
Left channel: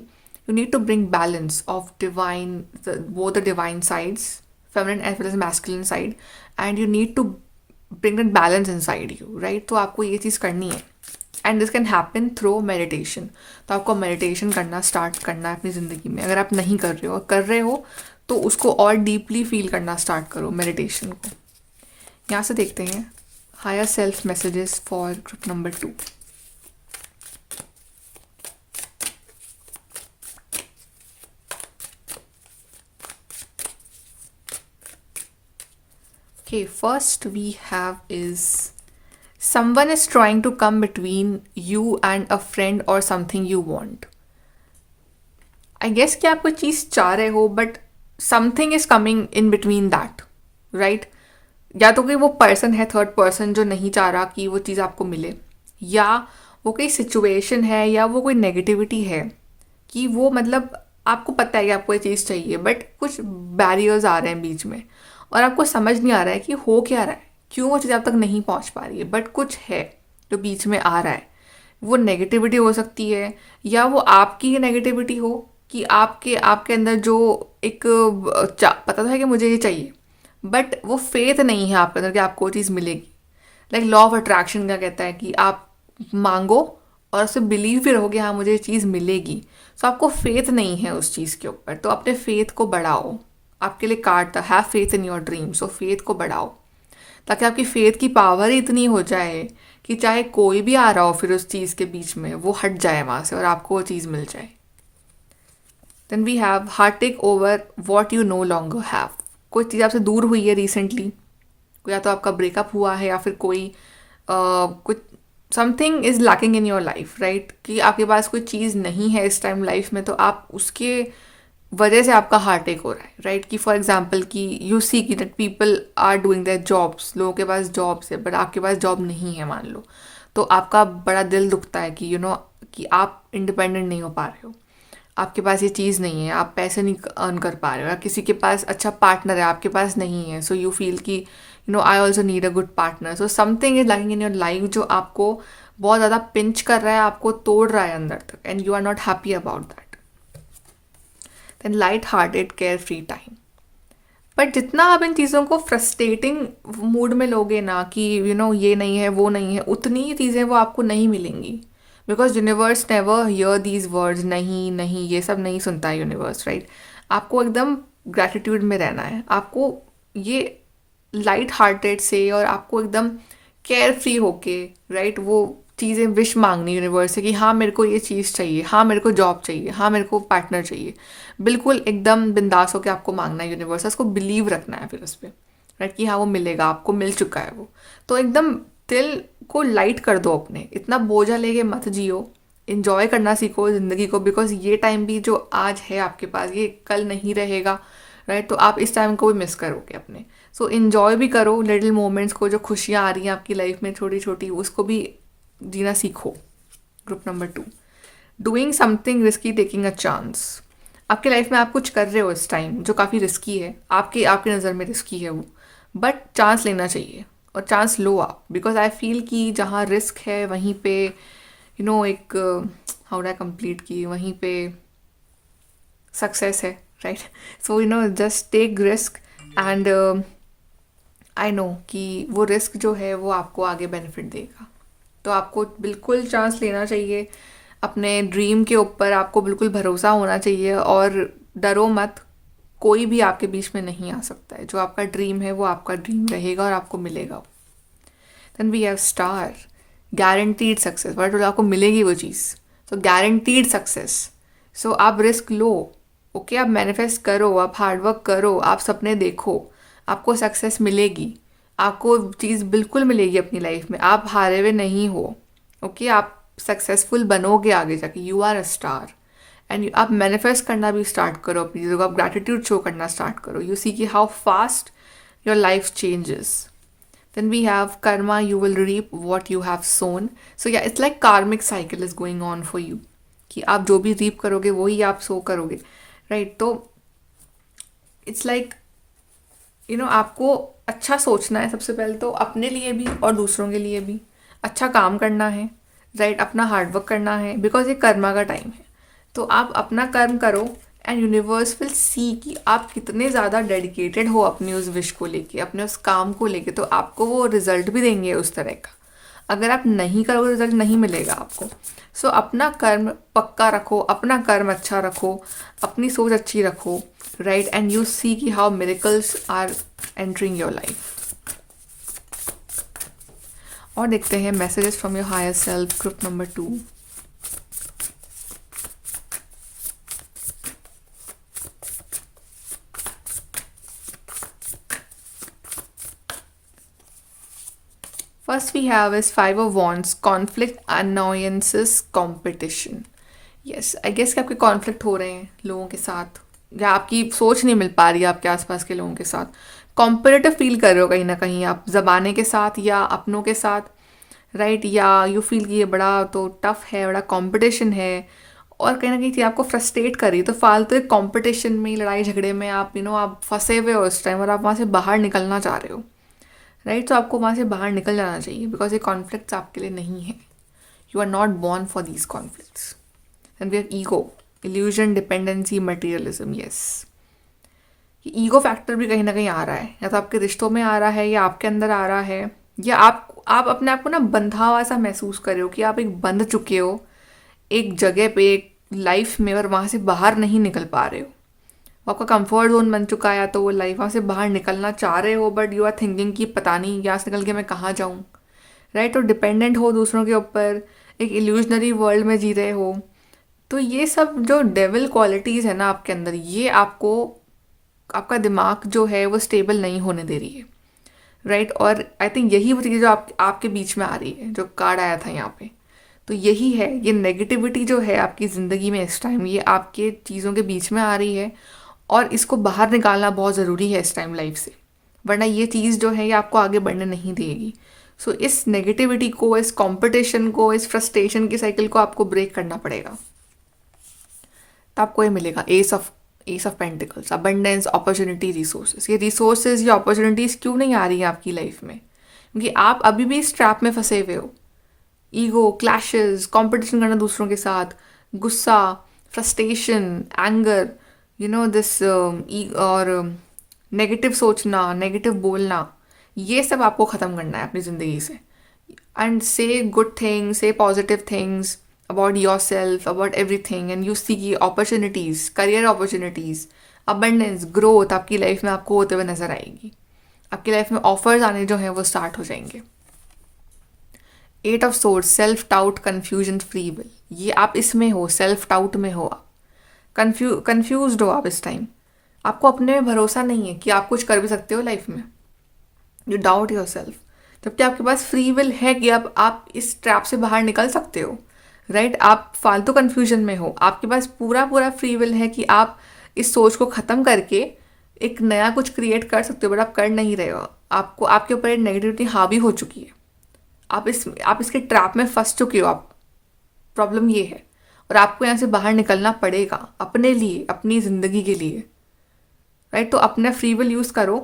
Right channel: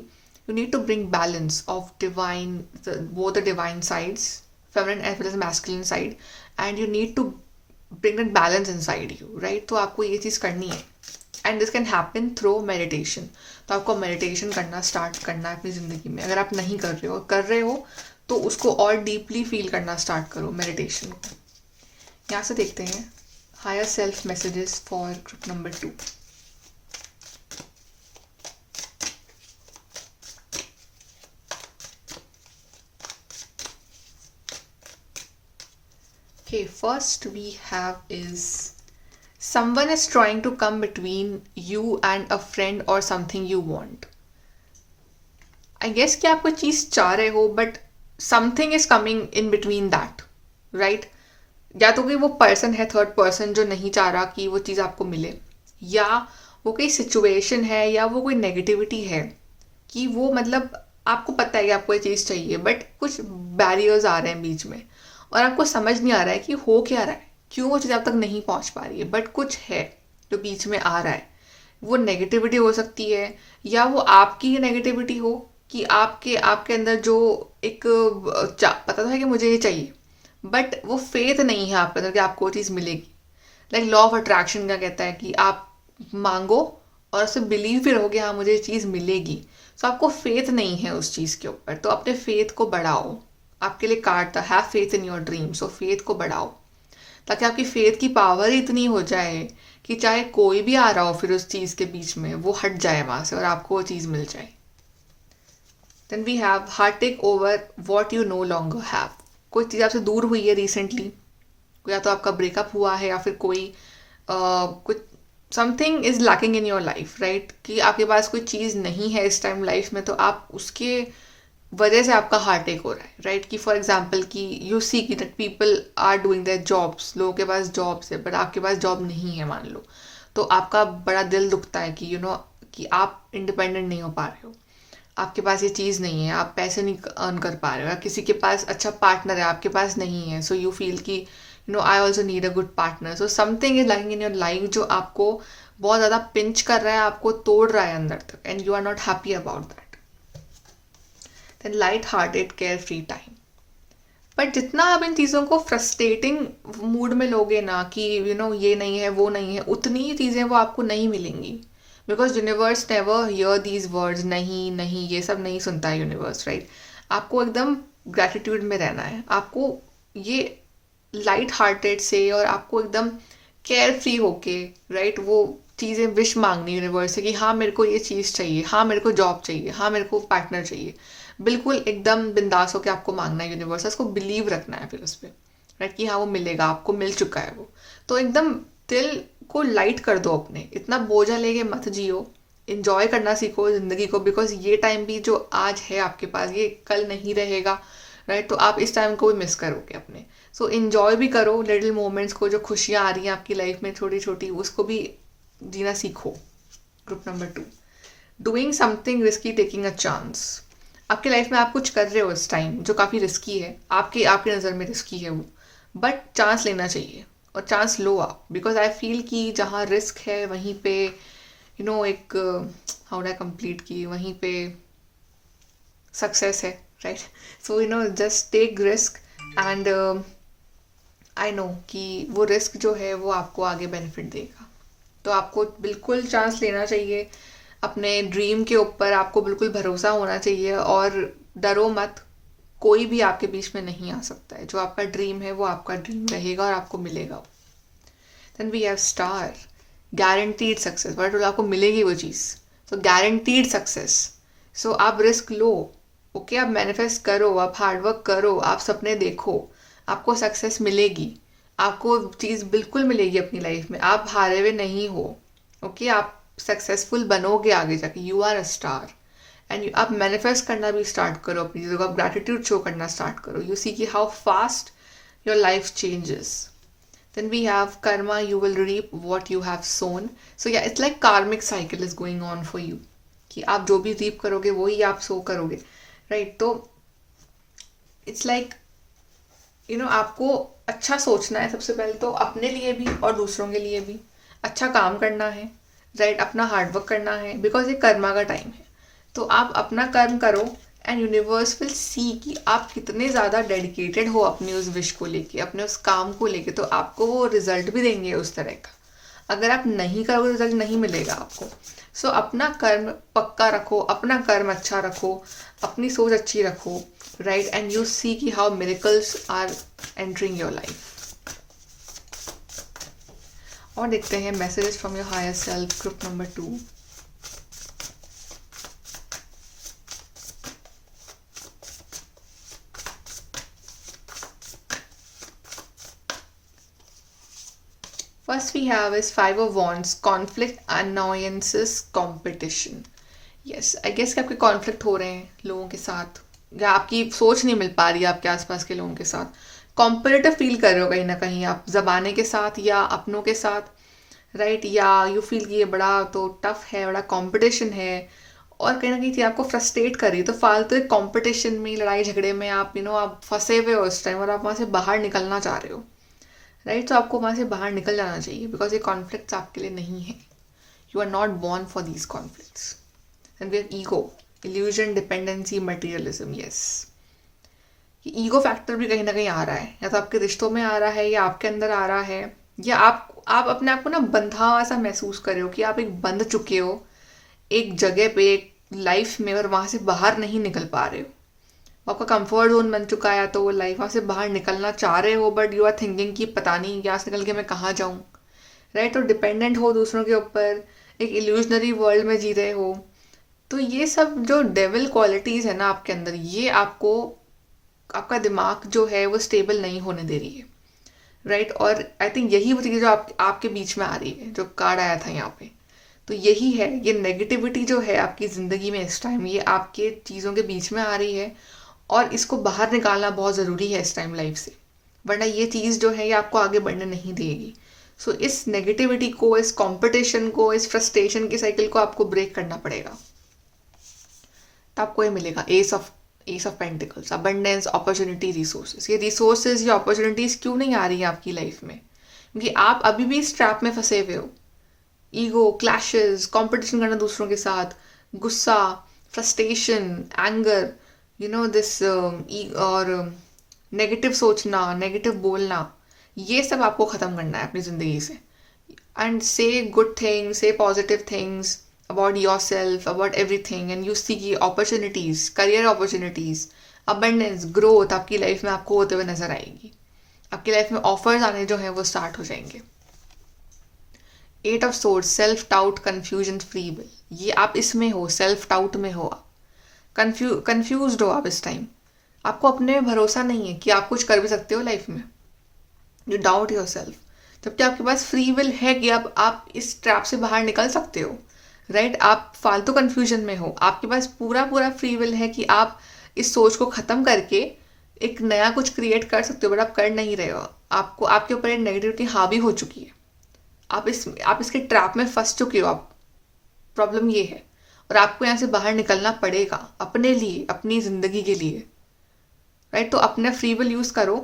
You need to bring balance of divine, वो the divine sides, feminine as well as masculine side, and you need to bring that balance inside you, right. तो आपको ये चीज़ करनी है, and this can happen through meditation. तो आपको meditation करना start करना है अपनी ज़िंदगी में. अगर आप नहीं कर रहे हो, कर रहे हो तो उसको और डीपली फील करना स्टार्ट करो मेडिटेशन को. यहाँ से देखते हैं higher self messages for group number 2. Okay, first we have is someone is trying to come between you and a friend or something you want. I guess कि आप कोई चीज़ चाह रहे हो but something is coming in between that, right? या तो कोई वो पर्सन है, थर्ड पर्सन, जो नहीं चाह रहा कि वो चीज़ आपको मिले, या वो कोई सिचुएशन है, या वो कोई नेगेटिविटी है कि वो मतलब आपको पता है कि आपको ये चीज़ चाहिए बट कुछ बैरियर्स आ रहे हैं बीच में और आपको समझ नहीं आ रहा है कि हो क्या रहा है, क्यों वो चीज़ आप तक नहीं पहुंच पा रही है, बट कुछ है जो बीच में आ रहा है. वो नेगेटिविटी हो सकती है या वो आपकी ही नेगेटिविटी हो कि आपके आपके अंदर जो एक पता था कि मुझे ये चाहिए बट वो फेथ नहीं है आपके अंदर कि आपको वो चीज़ मिलेगी. लाइक लॉ ऑफ अट्रैक्शन क्या कहता है कि आप मांगो और उससे बिलीव भी रहोगे हाँ मुझे ये चीज़ मिलेगी. सो आपको फेथ नहीं है उस चीज़ के ऊपर, तो अपने फेथ को बढ़ाओ. आपके लिए कार्ड था have faith in your dream. So faith को बढ़ाओ ताकि आपकी फेथ की पावर ही इतनी हो जाए कि चाहे कोई भी आ रहा हो फिर उस चीज़ के बीच में वो हट जाए वहाँ से और आपको वो चीज़ मिल जाए. Then we have heart take over what you no longer have. कोई चीज़ आपसे दूर हुई है रिसेंटली, या तो आपका ब्रेकअप हुआ है या फिर कोई कुछ something is lacking in your life, right. कि आपके पास कोई चीज़ नहीं है इस टाइम लाइफ में तो आप उसके वजह से आपका हार्ट अटैक हो रहा है, राइट. कि फॉर एग्जांपल कि यू सी कि that people are doing their jobs, लोगों के पास जॉब्स है बट आपके पास जॉब नहीं है मान लो, तो आपका बड़ा दिल दुखता है कि कि आप इंडिपेंडेंट नहीं हो पा रहे हो, आपके पास ये चीज़ नहीं है, आप पैसे नहीं अर्न कर पा रहे हो, या किसी के पास अच्छा पार्टनर है आपके पास नहीं है. सो यू फील कि I also need a good partner. So something is lacking in your life जो आपको बहुत ज़्यादा पिंच कर रहा है, आपको तोड़ रहा है अंदर तक, and you are not happy about that. Then light hearted carefree time. But जितना आप इन चीज़ों को फ्रस्ट्रेटिंग मूड में लोगे ना कि ये नहीं है वो नहीं है, उतनी ही चीज़ें वो आपको नहीं मिलेंगी. Because universe never hear these words, नहीं नहीं, ये सब नहीं सुनता है यूनिवर्स, राइट. आपको एकदम ग्रैटिट्यूड में रहना है, आपको ये लाइट हार्टेड से और आपको एकदम केयर फ्री होके, राइट, वो चीज़ें विश मांगनी यूनिवर्स से कि हाँ मेरे को ये चीज़ चाहिए, हाँ मेरे को जॉब चाहिए, हाँ मेरे को पार्टनर चाहिए. बिल्कुल एकदम बिंदास होकर आपको मांगना है यूनिवर्स, उसको बिलीव रखना है फिर उस पर, राइट, कि हाँ वो मिलेगा, आपको मिल चुका है वो. तो एकदम दिल को लाइट कर दो, अपने इतना बोझा लेके मत जियो, इन्जॉय करना सीखो ज़िंदगी को. बिकॉज ये टाइम भी जो आज है आपके पास ये कल नहीं रहेगा, राइट. तो आप इस टाइम को भी मिस करोगे अपने. सो इन्जॉय भी करो लिटिल मोमेंट्स को, जो खुशियाँ आ रही हैं आपकी लाइफ में छोटी छोटी, उसको भी जीना सीखो. Group number 2, doing something risky, taking a chance. आपकी लाइफ में आप कुछ कर रहे हो इस टाइम जो काफ़ी रिस्की है, आपकी आपकी नज़र में रिस्की है वो, बट चांस लेना चाहिए और चांस लो आप. बिकॉज आई फील कि जहाँ रिस्क है वहीं पे एक हाउ डू आई कंप्लीट की, वहीं पे सक्सेस है, right. So just take risk and I know कि वो रिस्क जो है वो आपको आगे बेनिफिट देगा। तो आपको बिल्कुल चांस लेना चाहिए अपने ड्रीम के ऊपर, आपको बिल्कुल भरोसा होना चाहिए और डरो मत। कोई भी आपके बीच में नहीं आ सकता है। जो आपका ड्रीम है वो आपका ड्रीम रहेगा और आपको मिलेगा। Then we have star, guaranteed success. But आपको मिलेगी वो चीज़, तो गारंटीड सक्सेस। सो आप रिस्क लो, ओके आप मैनिफेस्ट करो, आप हार्डवर्क करो, आप सपने देखो, आपको सक्सेस मिलेगी। आपको चीज़ बिल्कुल मिलेगी अपनी लाइफ में। आप हारे हुए नहीं हो, ओके आप सक्सेसफुल बनोगे आगे जाके। You are a star and आप मैनिफेस्ट करना भी स्टार्ट करो अपनी चीज़ों को। आप ग्रैटिट्यूड शो करना स्टार्ट करो। यू सी कि how fast your life changes. Then we have karma, you will reap what you have sown. So yeah, it's like karmic cycle is going on for you. कि आप जो भी reap करोगे वही आप सो करोगे, राइट। तो इट्स लाइक आपको अच्छा सोचना है सबसे पहले तो, अपने लिए भी और दूसरों के लिए भी। अच्छा काम करना है, राइट, अपना हार्डवर्क करना है, बिकॉज ये कर्मा का टाइम है। तो आप अपना कर्म करो एंड यूनिवर्स विल सी कि आप कितने ज़्यादा डेडिकेटेड हो अपनी उस विश को लेके, अपने उस काम को लेके। तो आपको वो रिजल्ट भी देंगे उस तरह का। अगर आप नहीं करोगे रिजल्ट नहीं मिलेगा आपको। सो अपना कर्म पक्का रखो, अपना कर्म अच्छा रखो, अपनी सोच अच्छी रखो, राइट, एंड यू सी कि how miracles are entering your life. और देखते हैं messages from your higher self, group number 2। First we have is Five of Wands, conflict, annoyances, competition. Yes, I guess कि आपके कॉन्फ्लिक्ट हो रहे हैं लोगों के साथ, या आपकी सोच नहीं मिल पा रही है आपके आसपास के लोगों के साथ। कॉम्पिटिटिव फील कर रहे हो कहीं ना कहीं आप, ज़बाने के साथ या अपनों के साथ, राइट। या यू फील कि ये बड़ा तो टफ है, बड़ा कंपटीशन है, और कहीं ना कहीं चीज़ आपको फ्रस्ट्रेट कर रही है। तो फालतू एक कंपटीशन में, लड़ाई झगड़े में आप आप फंसे हुए हो इस टाइम, और आप वहाँ से बाहर निकलना चाह रहे हो, राइट। तो आपको वहाँ से बाहर निकल जाना चाहिए, बिकॉज ये कॉन्फ्लिक्ट्स आपके लिए नहीं है। You are not born for these conflicts. And we have ego, illusion, dependency, materialism. Yes, ये ईगो फैक्टर भी कहीं ना कहीं आ रहा है, या तो आपके रिश्तों में आ रहा है, या आपके अंदर आ रहा है, या आप अपने आप को बंधा हुआ सा महसूस कर रहे हो कि आप एक बंध चुके हो एक जगह पे, एक लाइफ में, और वहाँ से बाहर नहीं निकल पा रहे हो। आपका कंफर्ट जोन बन चुका है, तो वो लाइफ वहाँ से बाहर निकलना चाह रहे हो, बट यू आर थिंकिंग कि पता नहीं यहाँ से निकल के मैं कहाँ जाऊँ, राइट। तो डिपेंडेंट हो दूसरों के ऊपर, एक इल्यूजनरी वर्ल्ड में जी रहे हो। तो ये सब जो डेविल क्वालिटीज़ है ना आपके अंदर, ये आपको, आपका दिमाग जो है वो स्टेबल नहीं होने दे रही है, राइट। और आई थिंक यही वो चीज़ जो आपके बीच में आ रही है, जो कार्ड आया था यहाँ पे। तो यही है, ये नेगेटिविटी जो है आपकी ज़िंदगी में इस टाइम, ये आपके चीज़ों के बीच में आ रही है, और इसको बाहर निकालना बहुत ज़रूरी है इस टाइम लाइफ से, वरना ये चीज़ जो है ये आपको आगे बढ़ने नहीं देगी। सो इस नेगेटिविटी को, इस कंपटीशन को, इस फ्रस्ट्रेशन की साइकिल को आपको ब्रेक करना पड़ेगा। तो आपको ये मिलेगा S of pentacles, abundance, opportunity, resources. ये रिसोर्सेज या अपॉर्चुनिटीज़ क्यों नहीं आ रही है आपकी लाइफ में? क्योंकि आप अभी भी इस ट्रैप में फंसे हुए हो। ईगो, क्लैशेस, कंपटीशन करना दूसरों के साथ, गुस्सा, फ्रस्ट्रेशन, एंगर, दिस और नेगेटिव सोचना, नेगेटिव बोलना, ये सब आपको ख़त्म करना है अपनी ज़िंदगी से। And say good things, say positive things about yourself, about everything, and you see की opportunities, career opportunities, abundance, growth आपकी लाइफ में आपको होते हुए नजर आएगी। आपकी लाइफ में ऑफर्स आने जो हैं वो स्टार्ट हो जाएंगे। 8 of swords, self doubt, confusion, free will. ये आप इसमें हो, सेल्फ डाउट में हो, कंफ्यूज्ड हो आप इस टाइम। आपको अपने में भरोसा नहीं है कि आप कुछ कर भी सकते हो लाइफ में। यू डाउट योर सेल्फ, जबकि आपके पास फ्री विल है कि आप इस ट्रैप से बाहर निकल सकते हो, राइट। आप फालतू कंफ्यूजन में हो, आपके पास पूरा पूरा फ्री विल है कि आप इस सोच को ख़त्म करके एक नया कुछ क्रिएट कर सकते हो, बट आप कर नहीं रहे हो। आपको, आपके ऊपर एक नेगेटिविटी हावी हो चुकी है। आप इसके ट्रैप में फंस चुके हो आप। प्रॉब्लम ये है, और आपको यहाँ से बाहर निकलना पड़ेगा अपने लिए, अपनी ज़िंदगी के लिए, राइट। तो अपना फ्री विल यूज़ करो,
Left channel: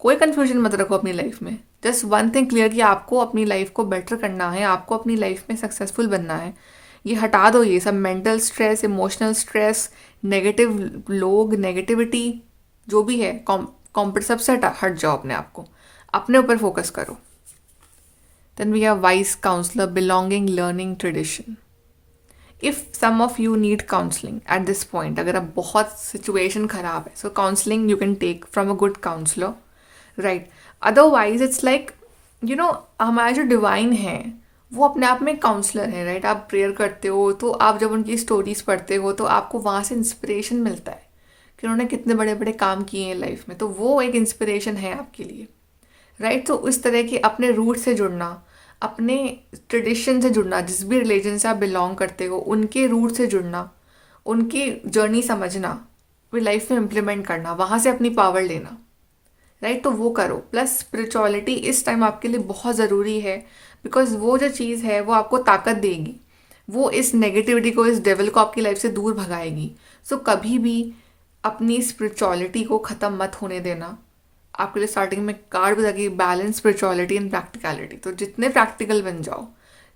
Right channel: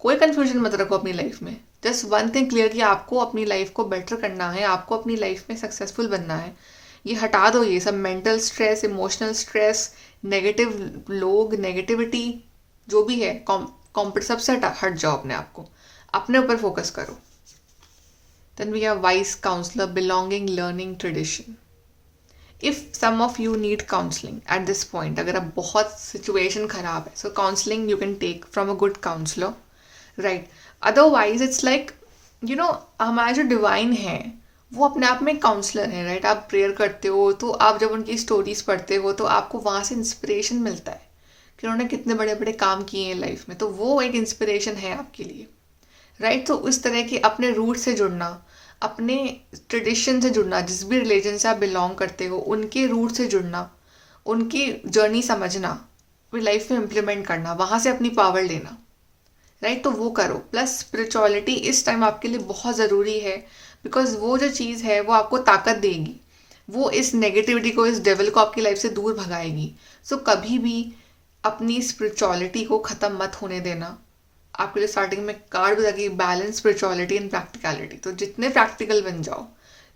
कोई कंफ्यूजन मत रखो अपनी लाइफ में। जस्ट वन थिंग क्लियर कि आपको अपनी लाइफ को बेटर करना है, आपको अपनी लाइफ में सक्सेसफुल बनना है। ये हटा दो, ये सब mental stress, emotional stress, negative लोग, नेगेटिविटी जो भी है, सबसे हट जाओ अपने आप को। अपने ऊपर फोकस करो. Then we have wise counselor, belonging, learning, tradition. If some of you need counseling at this point, अगर आप बहुत situation खराब है, so counseling you can take from a good counselor, right? Otherwise it's like, हमारा जो divine है वो अपने आप में काउंसलर है, राइट? आप प्रेयर करते हो तो आप जब उनकी स्टोरीज पढ़ते हो तो आपको वहाँ से इंस्पिरेशन मिलता है कि उन्होंने कितने बड़े बड़े काम किए हैं लाइफ में, तो वो एक इंस्पिरेशन है आपके लिए, राइट? तो उस तरह की अपने रूट से जुड़ना, अपने ट्रेडिशन से जुड़ना, जिस भी रिलीजन से आप बिलोंग करते हो उनके रूट से जुड़ना, उनकी जर्नी समझना, फिर लाइफ में इम्प्लीमेंट करना, वहाँ से अपनी पावर लेना, राइट? तो वो करो. प्लस स्पिरिचुअलिटी इस टाइम आपके लिए बहुत ज़रूरी है, बिकॉज वो जो चीज़ है वो आपको ताकत देगी, वो इस नेगेटिविटी को, इस डेविल को आपकी लाइफ से दूर भगाएगी. सो कभी भी अपनी स्पिरिचुअलिटी को ख़त्म मत होने देना. आपके लिए स्टार्टिंग में कार्ड भी लगी, बैलेंस स्पिरिचुअलिटी एंड प्रैक्टिकलिटी. तो जितने प्रैक्टिकल बन जाओ,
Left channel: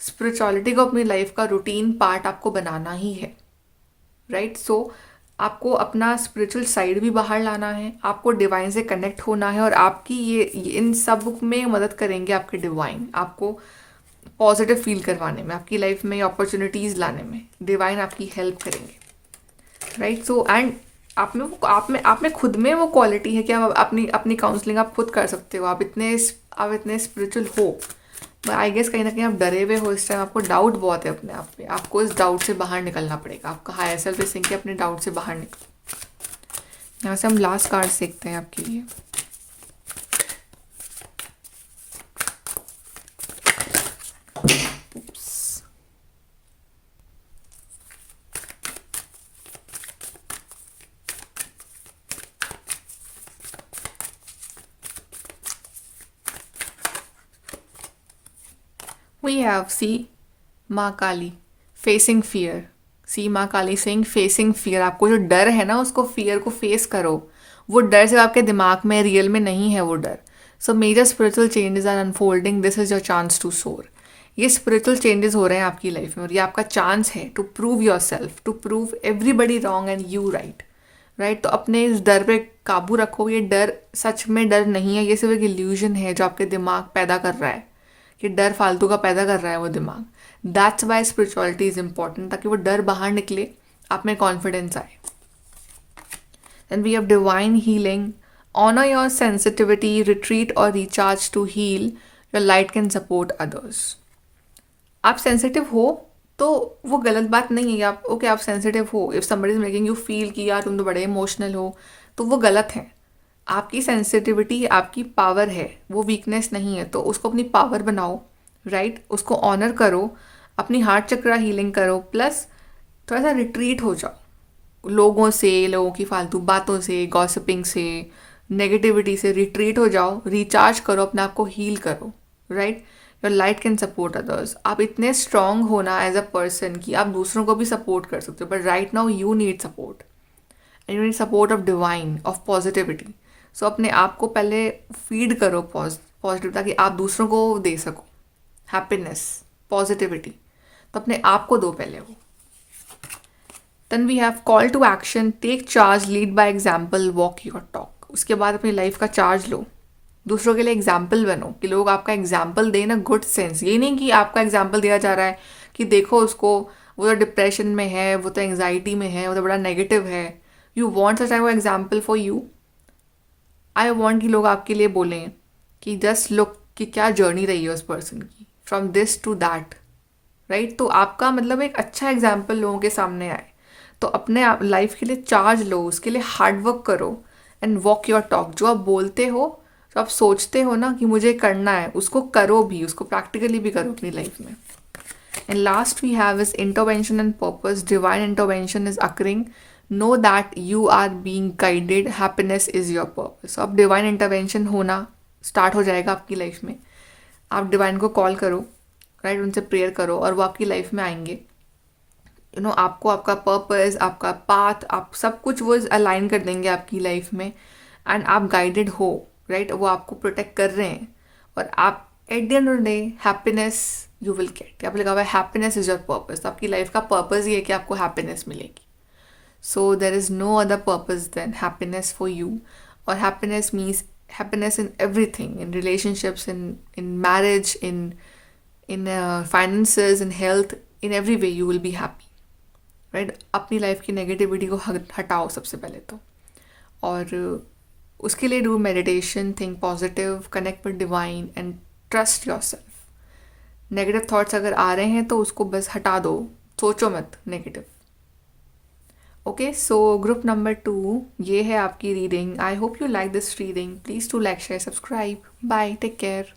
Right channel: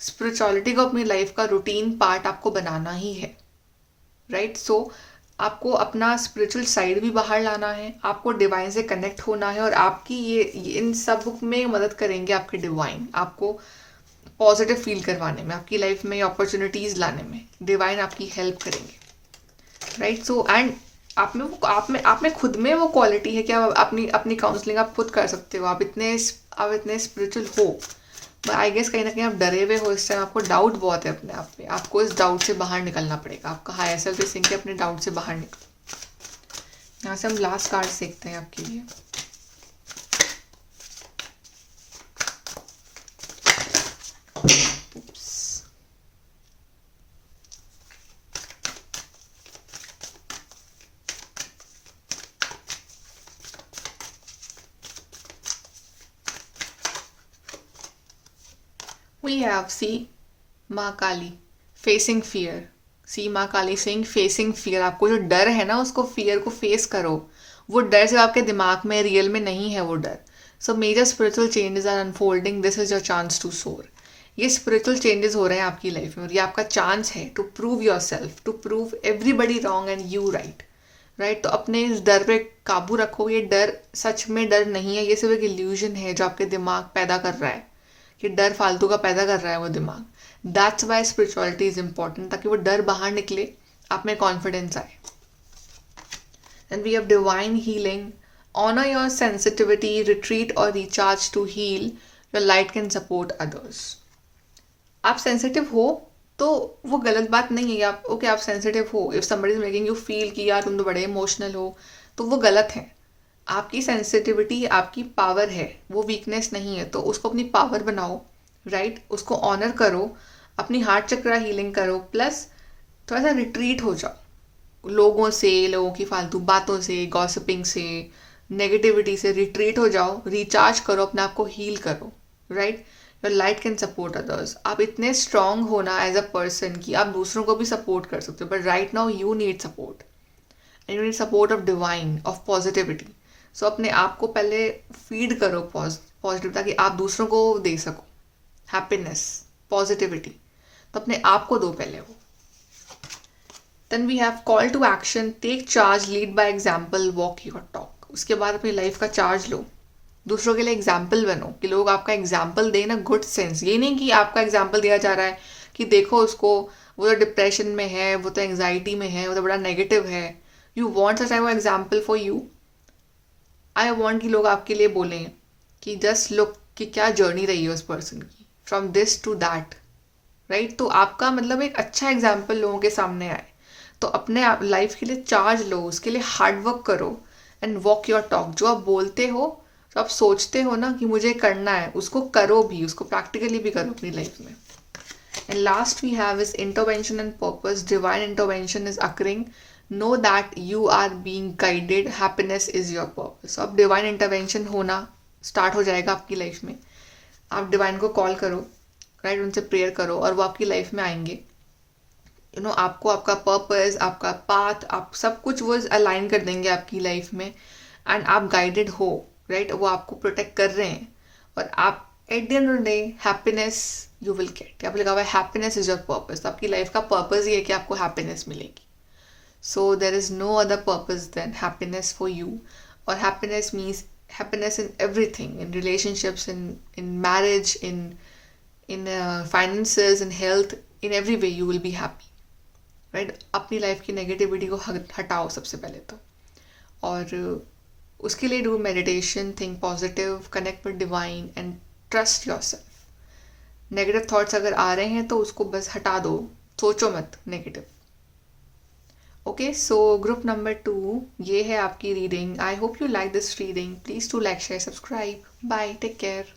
स्पिरिचुअलिटी को अपनी लाइफ का रूटीन पार्ट आपको बनाना ही है, राइट? सो आपको अपना स्पिरिचुअल साइड भी बाहर लाना है, आपको डिवाइन से कनेक्ट होना है, और आपकी ये इन सब में मदद करेंगे आपके डिवाइन, आपको पॉजिटिव फील करवाने में, आपकी लाइफ में अपॉर्चुनिटीज़ लाने में डिवाइन आपकी हेल्प करेंगे, राइट? सो एंड आप में खुद में वो क्वालिटी है कि आप अपनी अपनी काउंसलिंग आप खुद कर सकते हो. आप इतने स्पिरिचुअल हो, बट आई गेस कहीं ना कहीं आप डरे हुए हो इस टाइम, आपको डाउट बहुत है अपने आप पे. आपको इस डाउट से बाहर निकलना पड़ेगा. आपका हायर सेल्फ इस कि अपने डाउट से बाहर निकलो. यहाँ से हम लास्ट कार्ड सीखते हैं आपके लिए. We have, see, माँ काली, फेसिंग फियर. सी माँ काली सेइंग फेसिंग फियर. आपको जो डर है ना, उसको फियर को फेस करो. वो डर सिर्फ आपके दिमाग में, रियल में नहीं है वो डर. So major spiritual changes are unfolding. This is your chance to soar. ये स्पिरिचुअल चेंजेस हो रहे हैं आपकी लाइफ में, और ये आपका चांस है to prove yourself, to prove everybody wrong and you right, right? तो अपने इस डर पे काबू रखो. ये डर सच में डर नहीं है, ये सिर्फ एक इल्यूजन है जो आपके दिमाग पैदा कर रहा है, कि डर फालतू का पैदा कर रहा है वो दिमाग. That's why spirituality is important, ताकि वो डर बाहर निकले, आप में कॉन्फिडेंस आए. And we have divine healing. Honour your sensitivity, retreat और recharge to heal. Your light can support others. आप सेंसिटिव हो तो वो गलत बात नहीं है. आप ओके, आप सेंसिटिव हो. If somebody is making you feel कि यार तुम तो बड़े इमोशनल हो, तो वो गलत है. आपकी सेंसिटिविटी आपकी पावर है, वो वीकनेस नहीं है. तो उसको अपनी पावर बनाओ, राइट? उसको ऑनर करो, अपनी हार्ट चक्रा हीलिंग करो. प्लस थोड़ा सा रिट्रीट हो जाओ लोगों की फालतू बातों से, गॉसिपिंग से, नेगेटिविटी से. रिट्रीट हो जाओ, रिचार्ज करो, अपने आप को हील करो, right? Your light can support others. आप इतने स्ट्रांग होना एज अ पर्सन कि आप दूसरों को भी सपोर्ट कर सकते हो. But right now you need support, and you need support of divine, of positivity. So अपने आप को पहले फीड करो पॉजिटिव, ताकि आप दूसरों को दे सको हैप्पीनेस, पॉजिटिविटी. तो अपने आप को दो पहले वो. Then we have call to action. Take charge, lead by example, walk your talk. उसके बाद अपनी लाइफ का चार्ज लो, दूसरों के लिए एग्जाम्पल बनो, कि लोग आपका एग्जाम्पल दें ना, गुड सेंस. ये नहीं कि आपका एग्जाम्पल दिया जा रहा है कि देखो उसको, वो तो डिप्रेशन में है, वो तो एंग्जाइटी में है, वो तो बड़ा नेगेटिव है. You want such type of example for you. I want कि लोग आपके लिए बोलें कि जस्ट लुक कि क्या जर्नी रही है उस पर्सन की, from this to that, right? तो आपका मतलब एक अच्छा एग्जाम्पल लोगों के सामने आए. तो अपने लाइफ के लिए चार्ज लो, उसके लिए हार्ड वर्क करो, एंड वॉक योर टॉक. जो आप बोलते हो, जो आप सोचते हो ना कि मुझे करना है, उसको करो भी, उसको प्रैक्टिकली भी करो अपनी लाइफ में. And last we have is intervention and purpose. Divine intervention is occurring. Know that you are being guided. Happiness is your purpose. अब डिवाइन इंटरवेंशन होना स्टार्ट हो जाएगा आपकी लाइफ में. आप डिवाइन को कॉल करो, राइट? उनसे प्रेयर करो, और वो आपकी लाइफ में आएंगे. आपको आपका पर्पस, आपका पाथ, आप सब कुछ वो अलाइन कर देंगे आपकी लाइफ में. एंड आप गाइडेड हो, राइट? वो आपको प्रोटेक्ट कर रहे हैं, और आप at the end of the day happiness you will get. आप लिखा हुआ है हैप्पीनेस इज योर पर्पस. तो आपकी लाइफ का पर्पस ये है कि आपको हैप्पीनेस मिलेगी. So there is no other purpose than happiness for you, or happiness means happiness in everything, in relationships, in marriage, in finances, in health, in every way you will be happy, right? अपनी life की negativity को हटाओ सबसे पहले तो, और उसके लिए do meditation, think positive, connect with divine and trust your self. Negative thoughts अगर आ रहे हैं तो उसको बस हटा दो, सोचो मत negative. Okay, so group number 2, ये है आपकी reading. I hope you like this reading. Please to like, share, subscribe. Bye, take care.